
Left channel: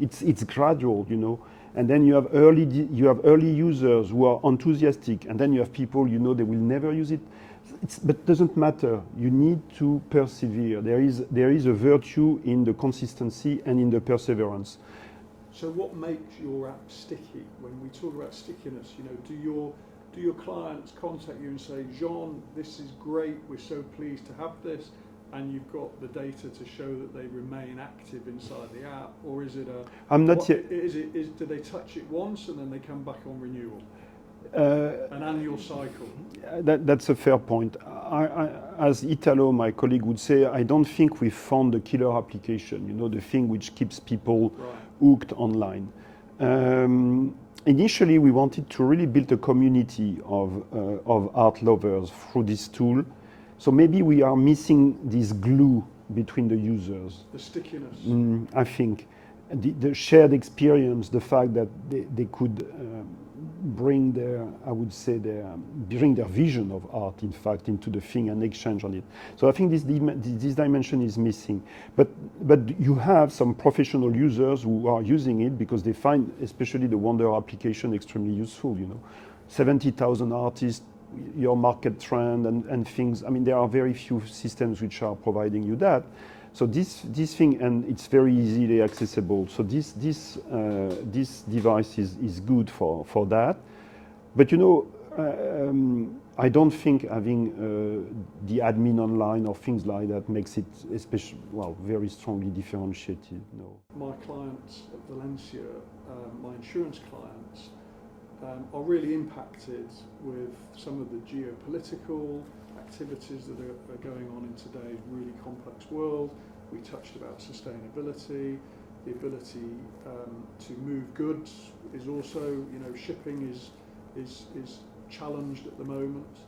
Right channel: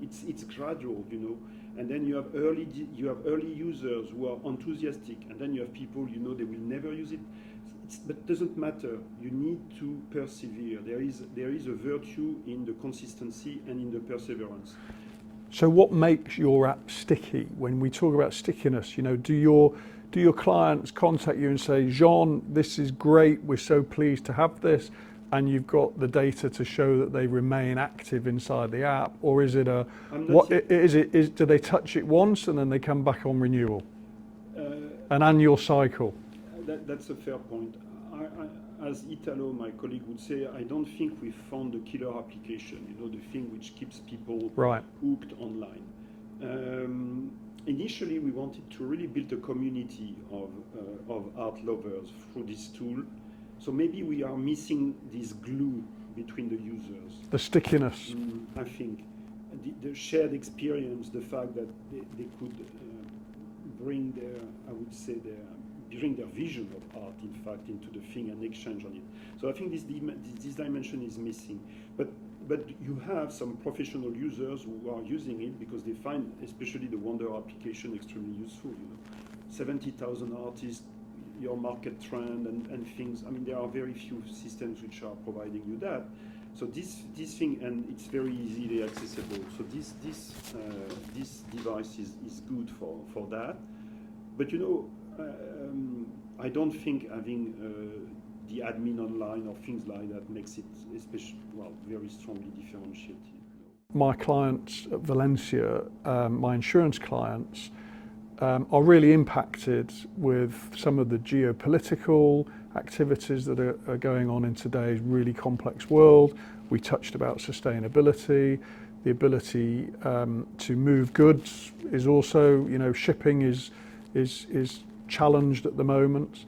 it's gradual, you know. And then you have early users who are enthusiastic, and then you have people, you know, they will never use it. But it doesn't matter. You need to persevere. There is a virtue in the consistency and in the perseverance. So what makes your app sticky? When we talk about stickiness, you know, do your do your clients contact you and say, Jean, this is great, we're so pleased to have this, and you've got the data to show that they remain active inside the app? Or is it do they touch it once and then they come back on renewal? An annual cycle? That's a fair point. As Italo, my colleague, would say, I don't think we found the killer application, the thing which keeps people hooked online. Initially, we wanted to really build a community of art lovers through this tool. So maybe we are missing this glue between the users. The stickiness. I think the shared experience, the fact that they could bring bring their vision of art, in fact, into the thing and exchange on it. So I think this dimension is missing. But you have some professional users who are using it because they find, especially the Wonder application, extremely useful. 70,000 artists, your market trend and things. I mean, there are very few systems which are providing you that. So this thing, and it's very easily accessible. So this device is good for that. But I don't think having the admin online or things like that makes it very strongly differentiated. No. My clients at Valencia, my insurance clients, are really impacted with some of the geopolitical activities that are going on in today's really complex world. We touched about sustainability, the ability to move goods is also, shipping is challenged at the moment.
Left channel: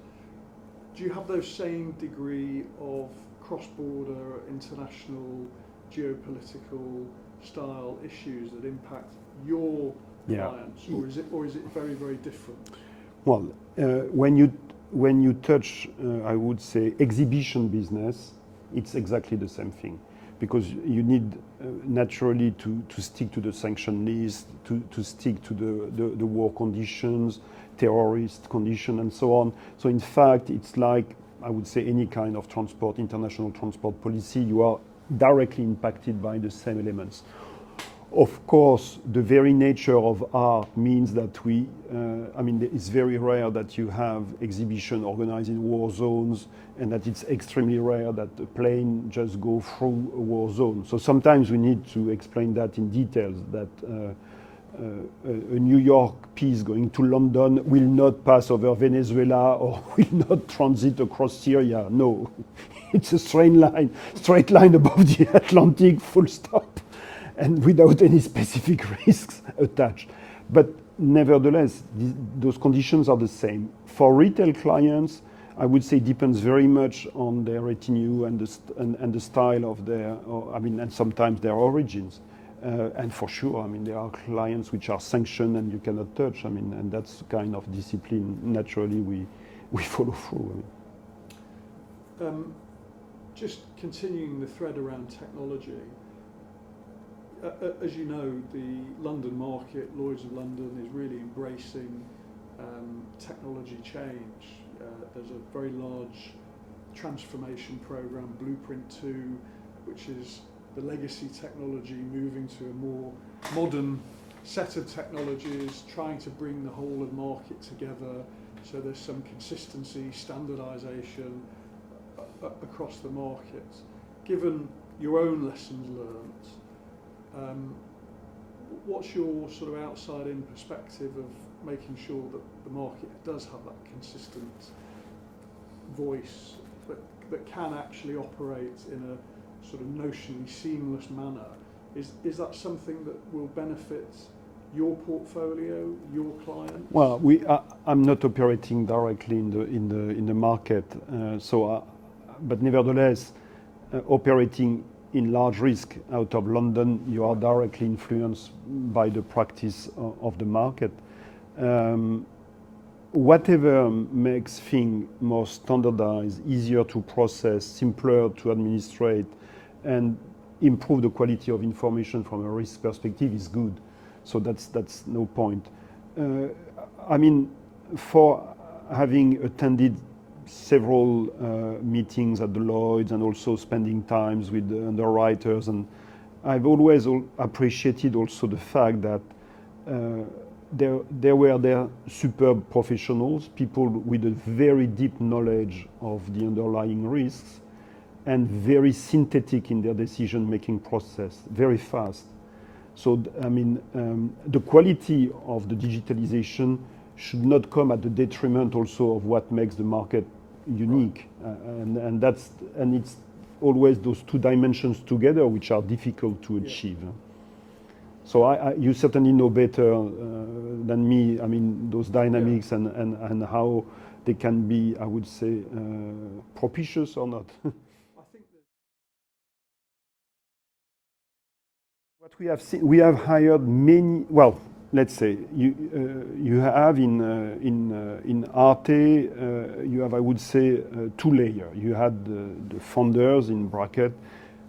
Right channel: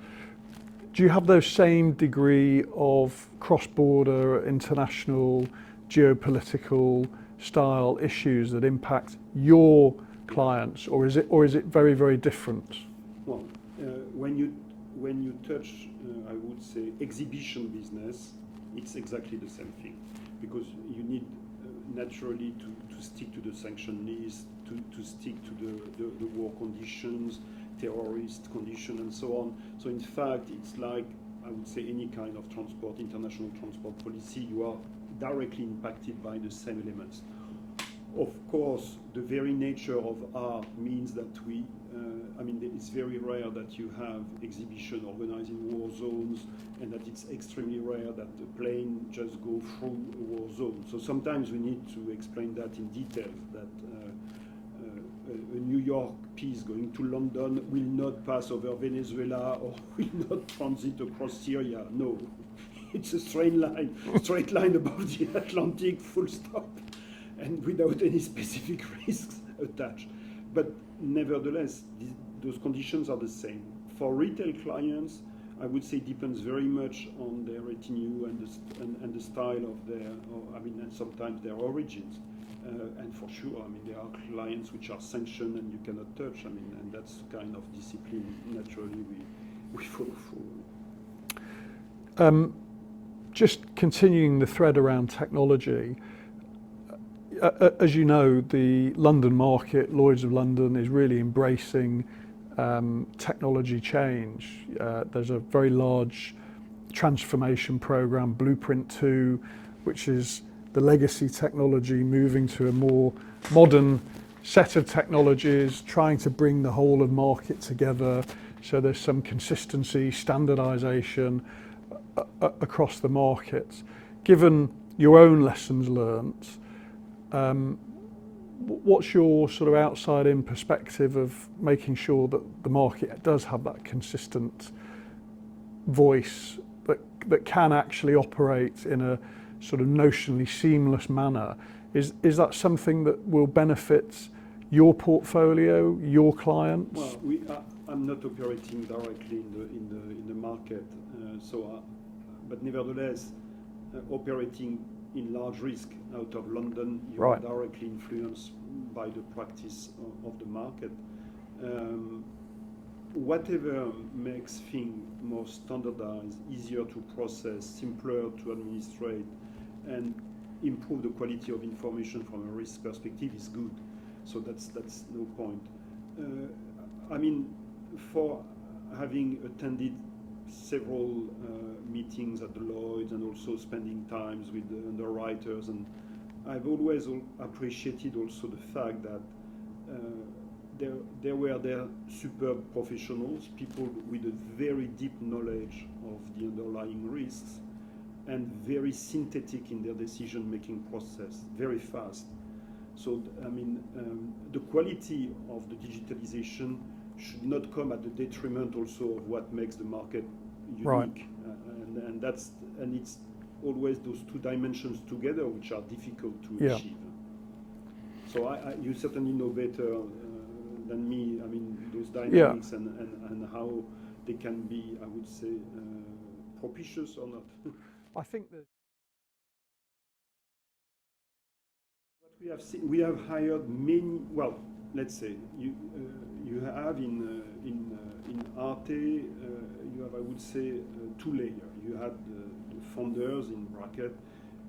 Do you have those same degree of cross-border, international, geopolitical style issues that impact your clients, or is it very, very different? Well, when you touch, I would say, exhibition business, it's exactly the same thing, because you need naturally to stick to the sanction list, to stick to the war conditions, terrorist condition, and so on. So in fact, it's like, I would say, any kind of transport, international transport policy, you are directly impacted by the same elements. Of course, the very nature of art means that it's very rare that you have exhibition organized in war zones, and that it's extremely rare that the plane just go through a war zone. So sometimes we need to explain that in details, that a New York piece going to London will not pass over Venezuela or will not transit across Syria. No, it's a straight line above the Atlantic, full stop, and without any specific risks attached. But nevertheless, those conditions are the same. For retail clients, I would say it depends very much on their retinue and the style of and sometimes their origins. And for sure, there are clients which are sanctioned and you cannot touch. And that's the kind of discipline naturally we follow through. Just continuing the thread around technology, as you know, the London market, Lloyd's of London, is really embracing technology change. There's a very large transformation program, Blueprint 2, which is the legacy technology moving to a more modern set of technologies, trying to bring the whole of market together. So there's some consistency, standardization across the market. Given your own lessons learnt, what's your sort of outside-in perspective of making sure that the market does have that consistent voice that can actually operate in a sort of notionally seamless manner? Is that something that will benefit your portfolio, your clients? Well, I'm not operating directly in the market, but nevertheless, operating in large risk out of London, you are directly influenced by the practice of the market. Whatever makes things more standardized, easier to process, simpler to administrate, and improve the quality of information from a risk perspective is good. So that's no point. For having attended several meetings at the Lloyd's and also spending times with the underwriters, and I've always appreciated also the fact that there were there superb professionals, people with a very deep knowledge of the underlying risks, and very synthetic in their decision-making process, very fast. So, I mean, the quality of the digitalization should not come at the detriment also of what makes the market unique. Right. And it's always those two dimensions together which are difficult to achieve. So you certainly know better than me, I mean, those dynamics and how they can be, I would say, propitious or not. I think that what we have seen, we have hired many, well, let's say, you have in ARTE, you have, I would say, two layers. You had the founders, in bracket,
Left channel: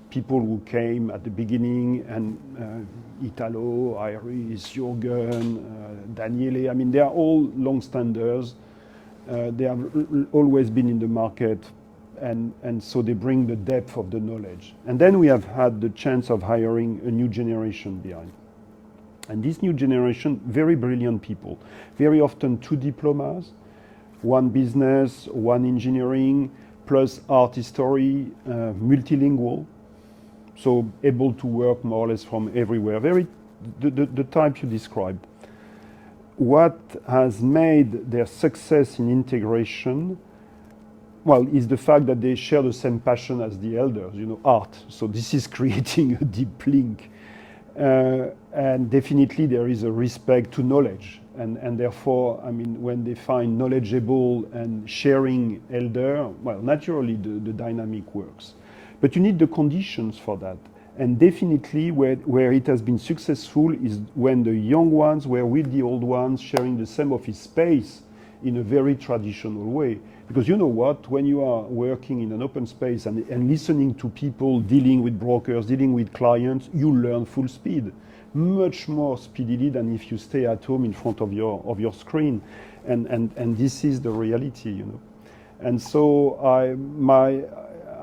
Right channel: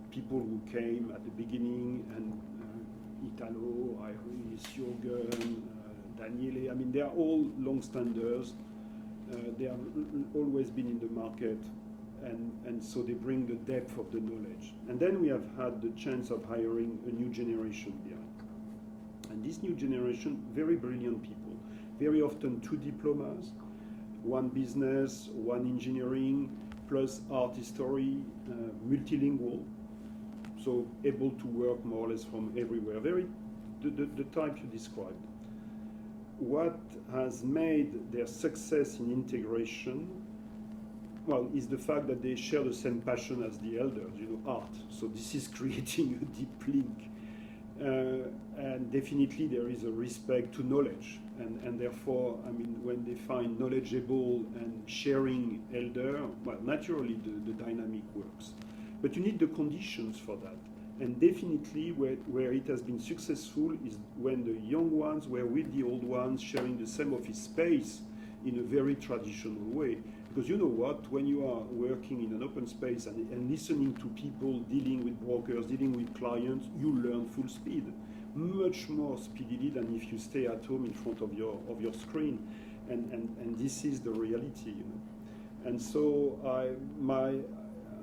people who came at the beginning, and Italo, Iris, Jürgen, Daniele, I mean, they are all long standers. They have always been in the market, and so they bring the depth of the knowledge. And then we have had the chance of hiring a new generation behind. And this new generation, very brilliant people, very often two diplomas, one business, one engineering, plus art history, multilingual, so able to work more or less from everywhere, the type you described. What has made their success in integration, well, is the fact that they share the same passion as the elders, you know, art. So this is creating a deep link. And definitely there is a respect to knowledge. And therefore, I mean, when they find knowledgeable and sharing elder, well, naturally the dynamic works. But you need the conditions for that. And definitely where it has been successful is when the young ones were with the old ones sharing the same office space in a very traditional way. Because you know what, when you are working in an open space and listening to people dealing with brokers, dealing with clients, you learn full speed, much more speedily than if you stay at home in front of your screen. And this is the reality, you know. And so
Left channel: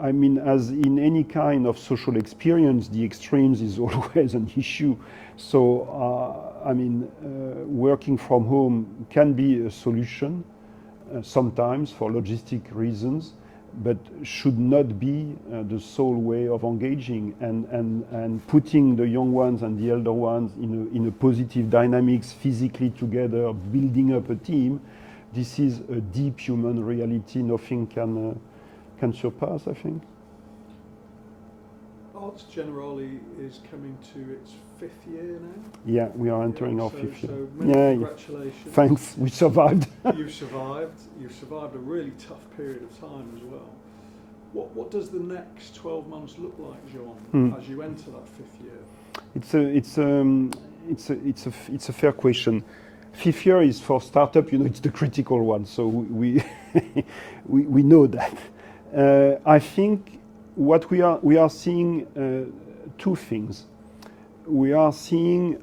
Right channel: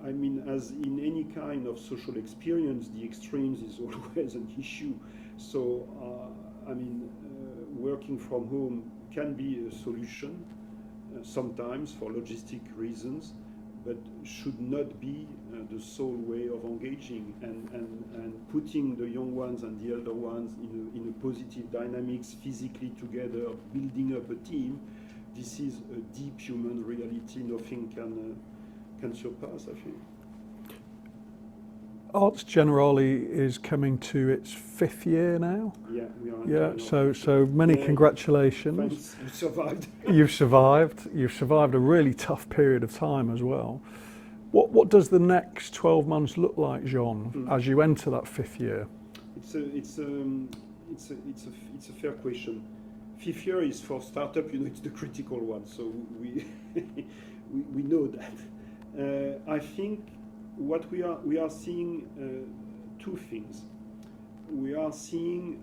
I mean, as in any kind of social experience, the extremes is always an issue. So, I mean, working from home can be a solution sometimes for logistic reasons, but should not be the sole way of engaging and putting the young ones and the elder ones in a positive dynamics physically together, building up a team. This is a deep human reality. Nothing can surpass, I think. ARTE Generali is coming to its 5th year now. Yeah, we are entering our 5th year. So many congratulations. Thanks, we survived. You've survived. You've survived a really tough period of time as well. What does the next 12 months look like, Jean, as you enter that 5th year? It's a fair question. 5th year is for startup, you know, it's the critical one. So we we know that. I think what we are seeing two things. We are seeing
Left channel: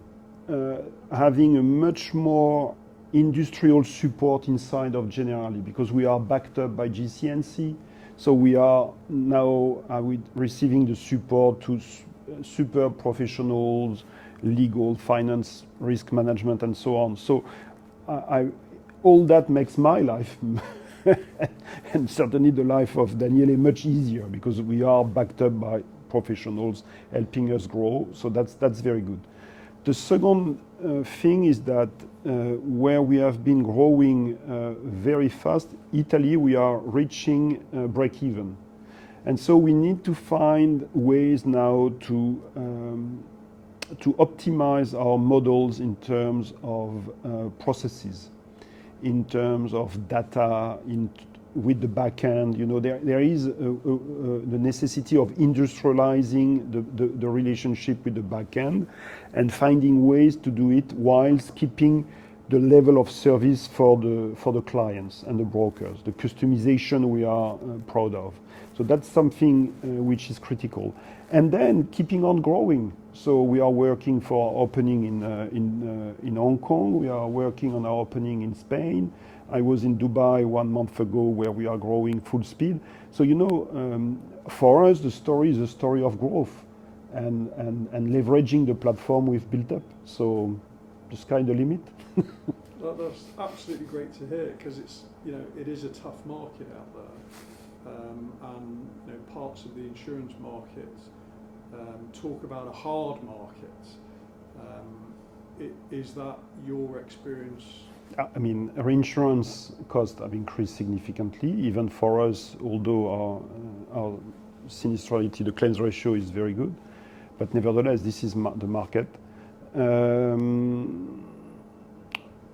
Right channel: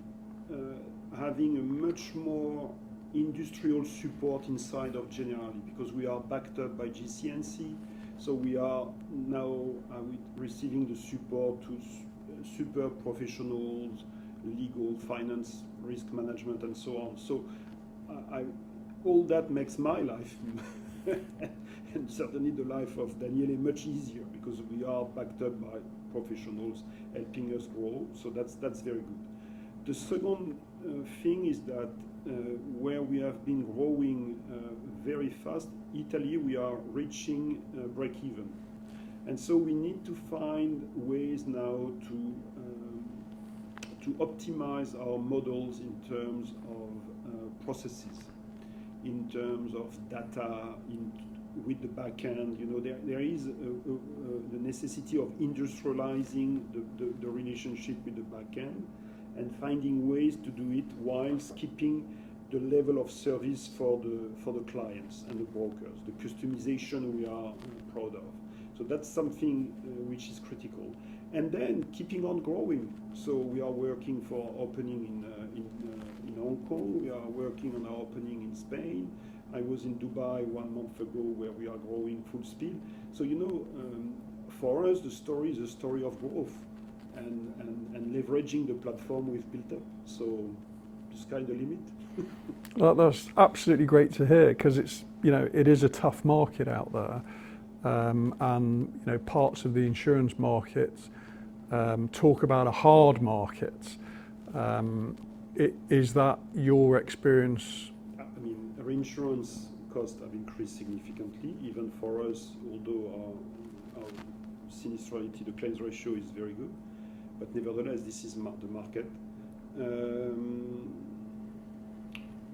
having a much more industrial support inside of Generali because we are backed up by GCNC. So we are now receiving the support to super professionals, legal, finance, risk management, and so on. So all that makes my life and certainly the life of Daniele much easier because we are backed up by professionals helping us grow. So that's very good. The second thing is that where we have been growing very fast, Italy, we are reaching break even. And so we need to find ways now to optimize our models in terms of processes, in terms of data, with the back end. You know, there is the necessity of industrializing the relationship with the back end and finding ways to do it whilst keeping the level of service for the clients and the brokers, the customization we are proud of. So that's something which is critical. And then keeping on growing. So we are working for our opening in Hong Kong. We are working on our opening in Spain. I was in Dubai 1 month ago where we are growing full speed. So, you know, for us, the story is a story of growth and leveraging the platform we've built up. So the sky the limit. That's absolutely great to hear, because it's, you know, it is a tough market out there, and you know, parts of the insurance market talk about a hard market. Is that your experience? I mean, reinsurance costs have increased significantly, even for us, although our sinistrality, the claims ratio is very good. But nevertheless, this is the market.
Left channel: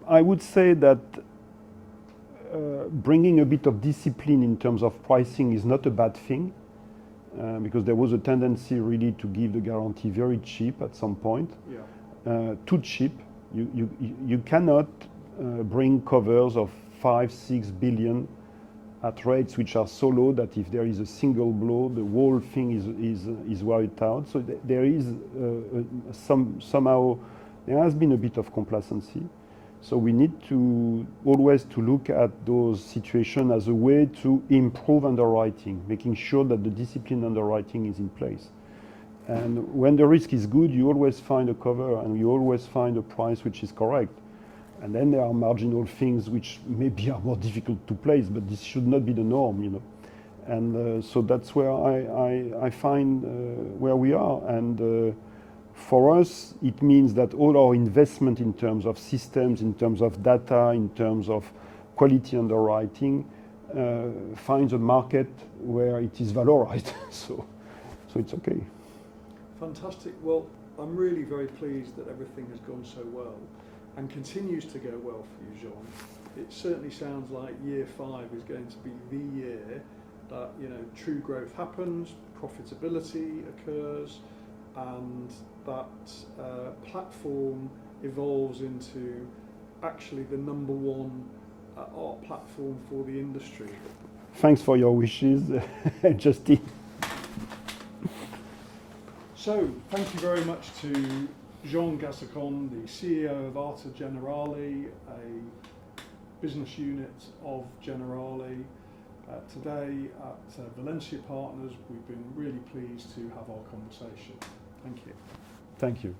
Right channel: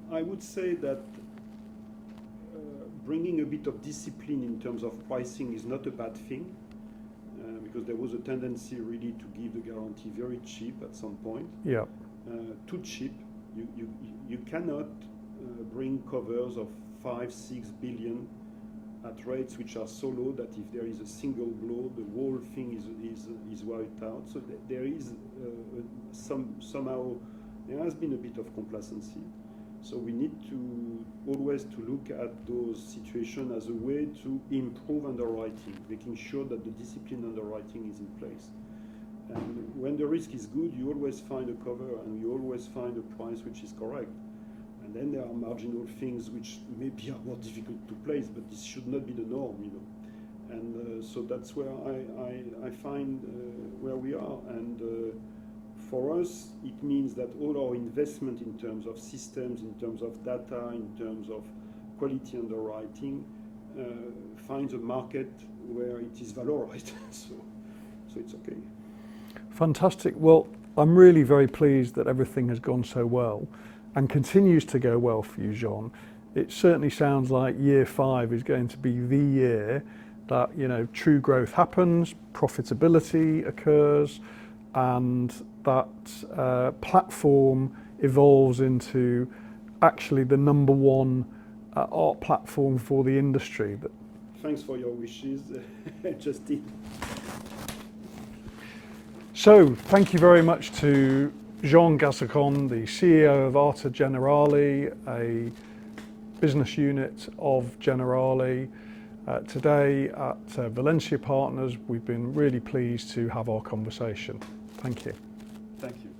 I would say that bringing a bit of discipline in terms of pricing is not a bad thing, because there was a tendency really to give the guarantee very cheap at some point. Yeah. Too cheap. You cannot bring covers of 5-6 billion at rates which are so low that if there is a single blow, the whole thing is wiped out. So there is somehow there has been a bit of complacency. So we need to always to look at those situations as a way to improve underwriting, making sure that the disciplined underwriting is in place. And when the risk is good, you always find a cover and you always find a price which is correct. And then there are marginal things which maybe are more difficult to place, but this should not be the norm, you know. And so that's where I find where we are. And for us, it means that all our investment in terms of systems, in terms of data, in terms of quality underwriting, finds a market where it is valorized. so it's okay. Fantastic. Well, I'm really very pleased that everything has gone so well and continues to go well for you, Jean. It certainly sounds like year 5 is going to be the year that, you know, true growth happens, profitability occurs, and that platform evolves into actually the #1 art platform for the industry. Thanks for your wishes, Justin. So, thank you very much to Jean Gazançon, the CEO of ARTE Generali, a business unit of Generali. Today at Valencia Partners, we've been really pleased to have our conversation. Thank you. Thank you.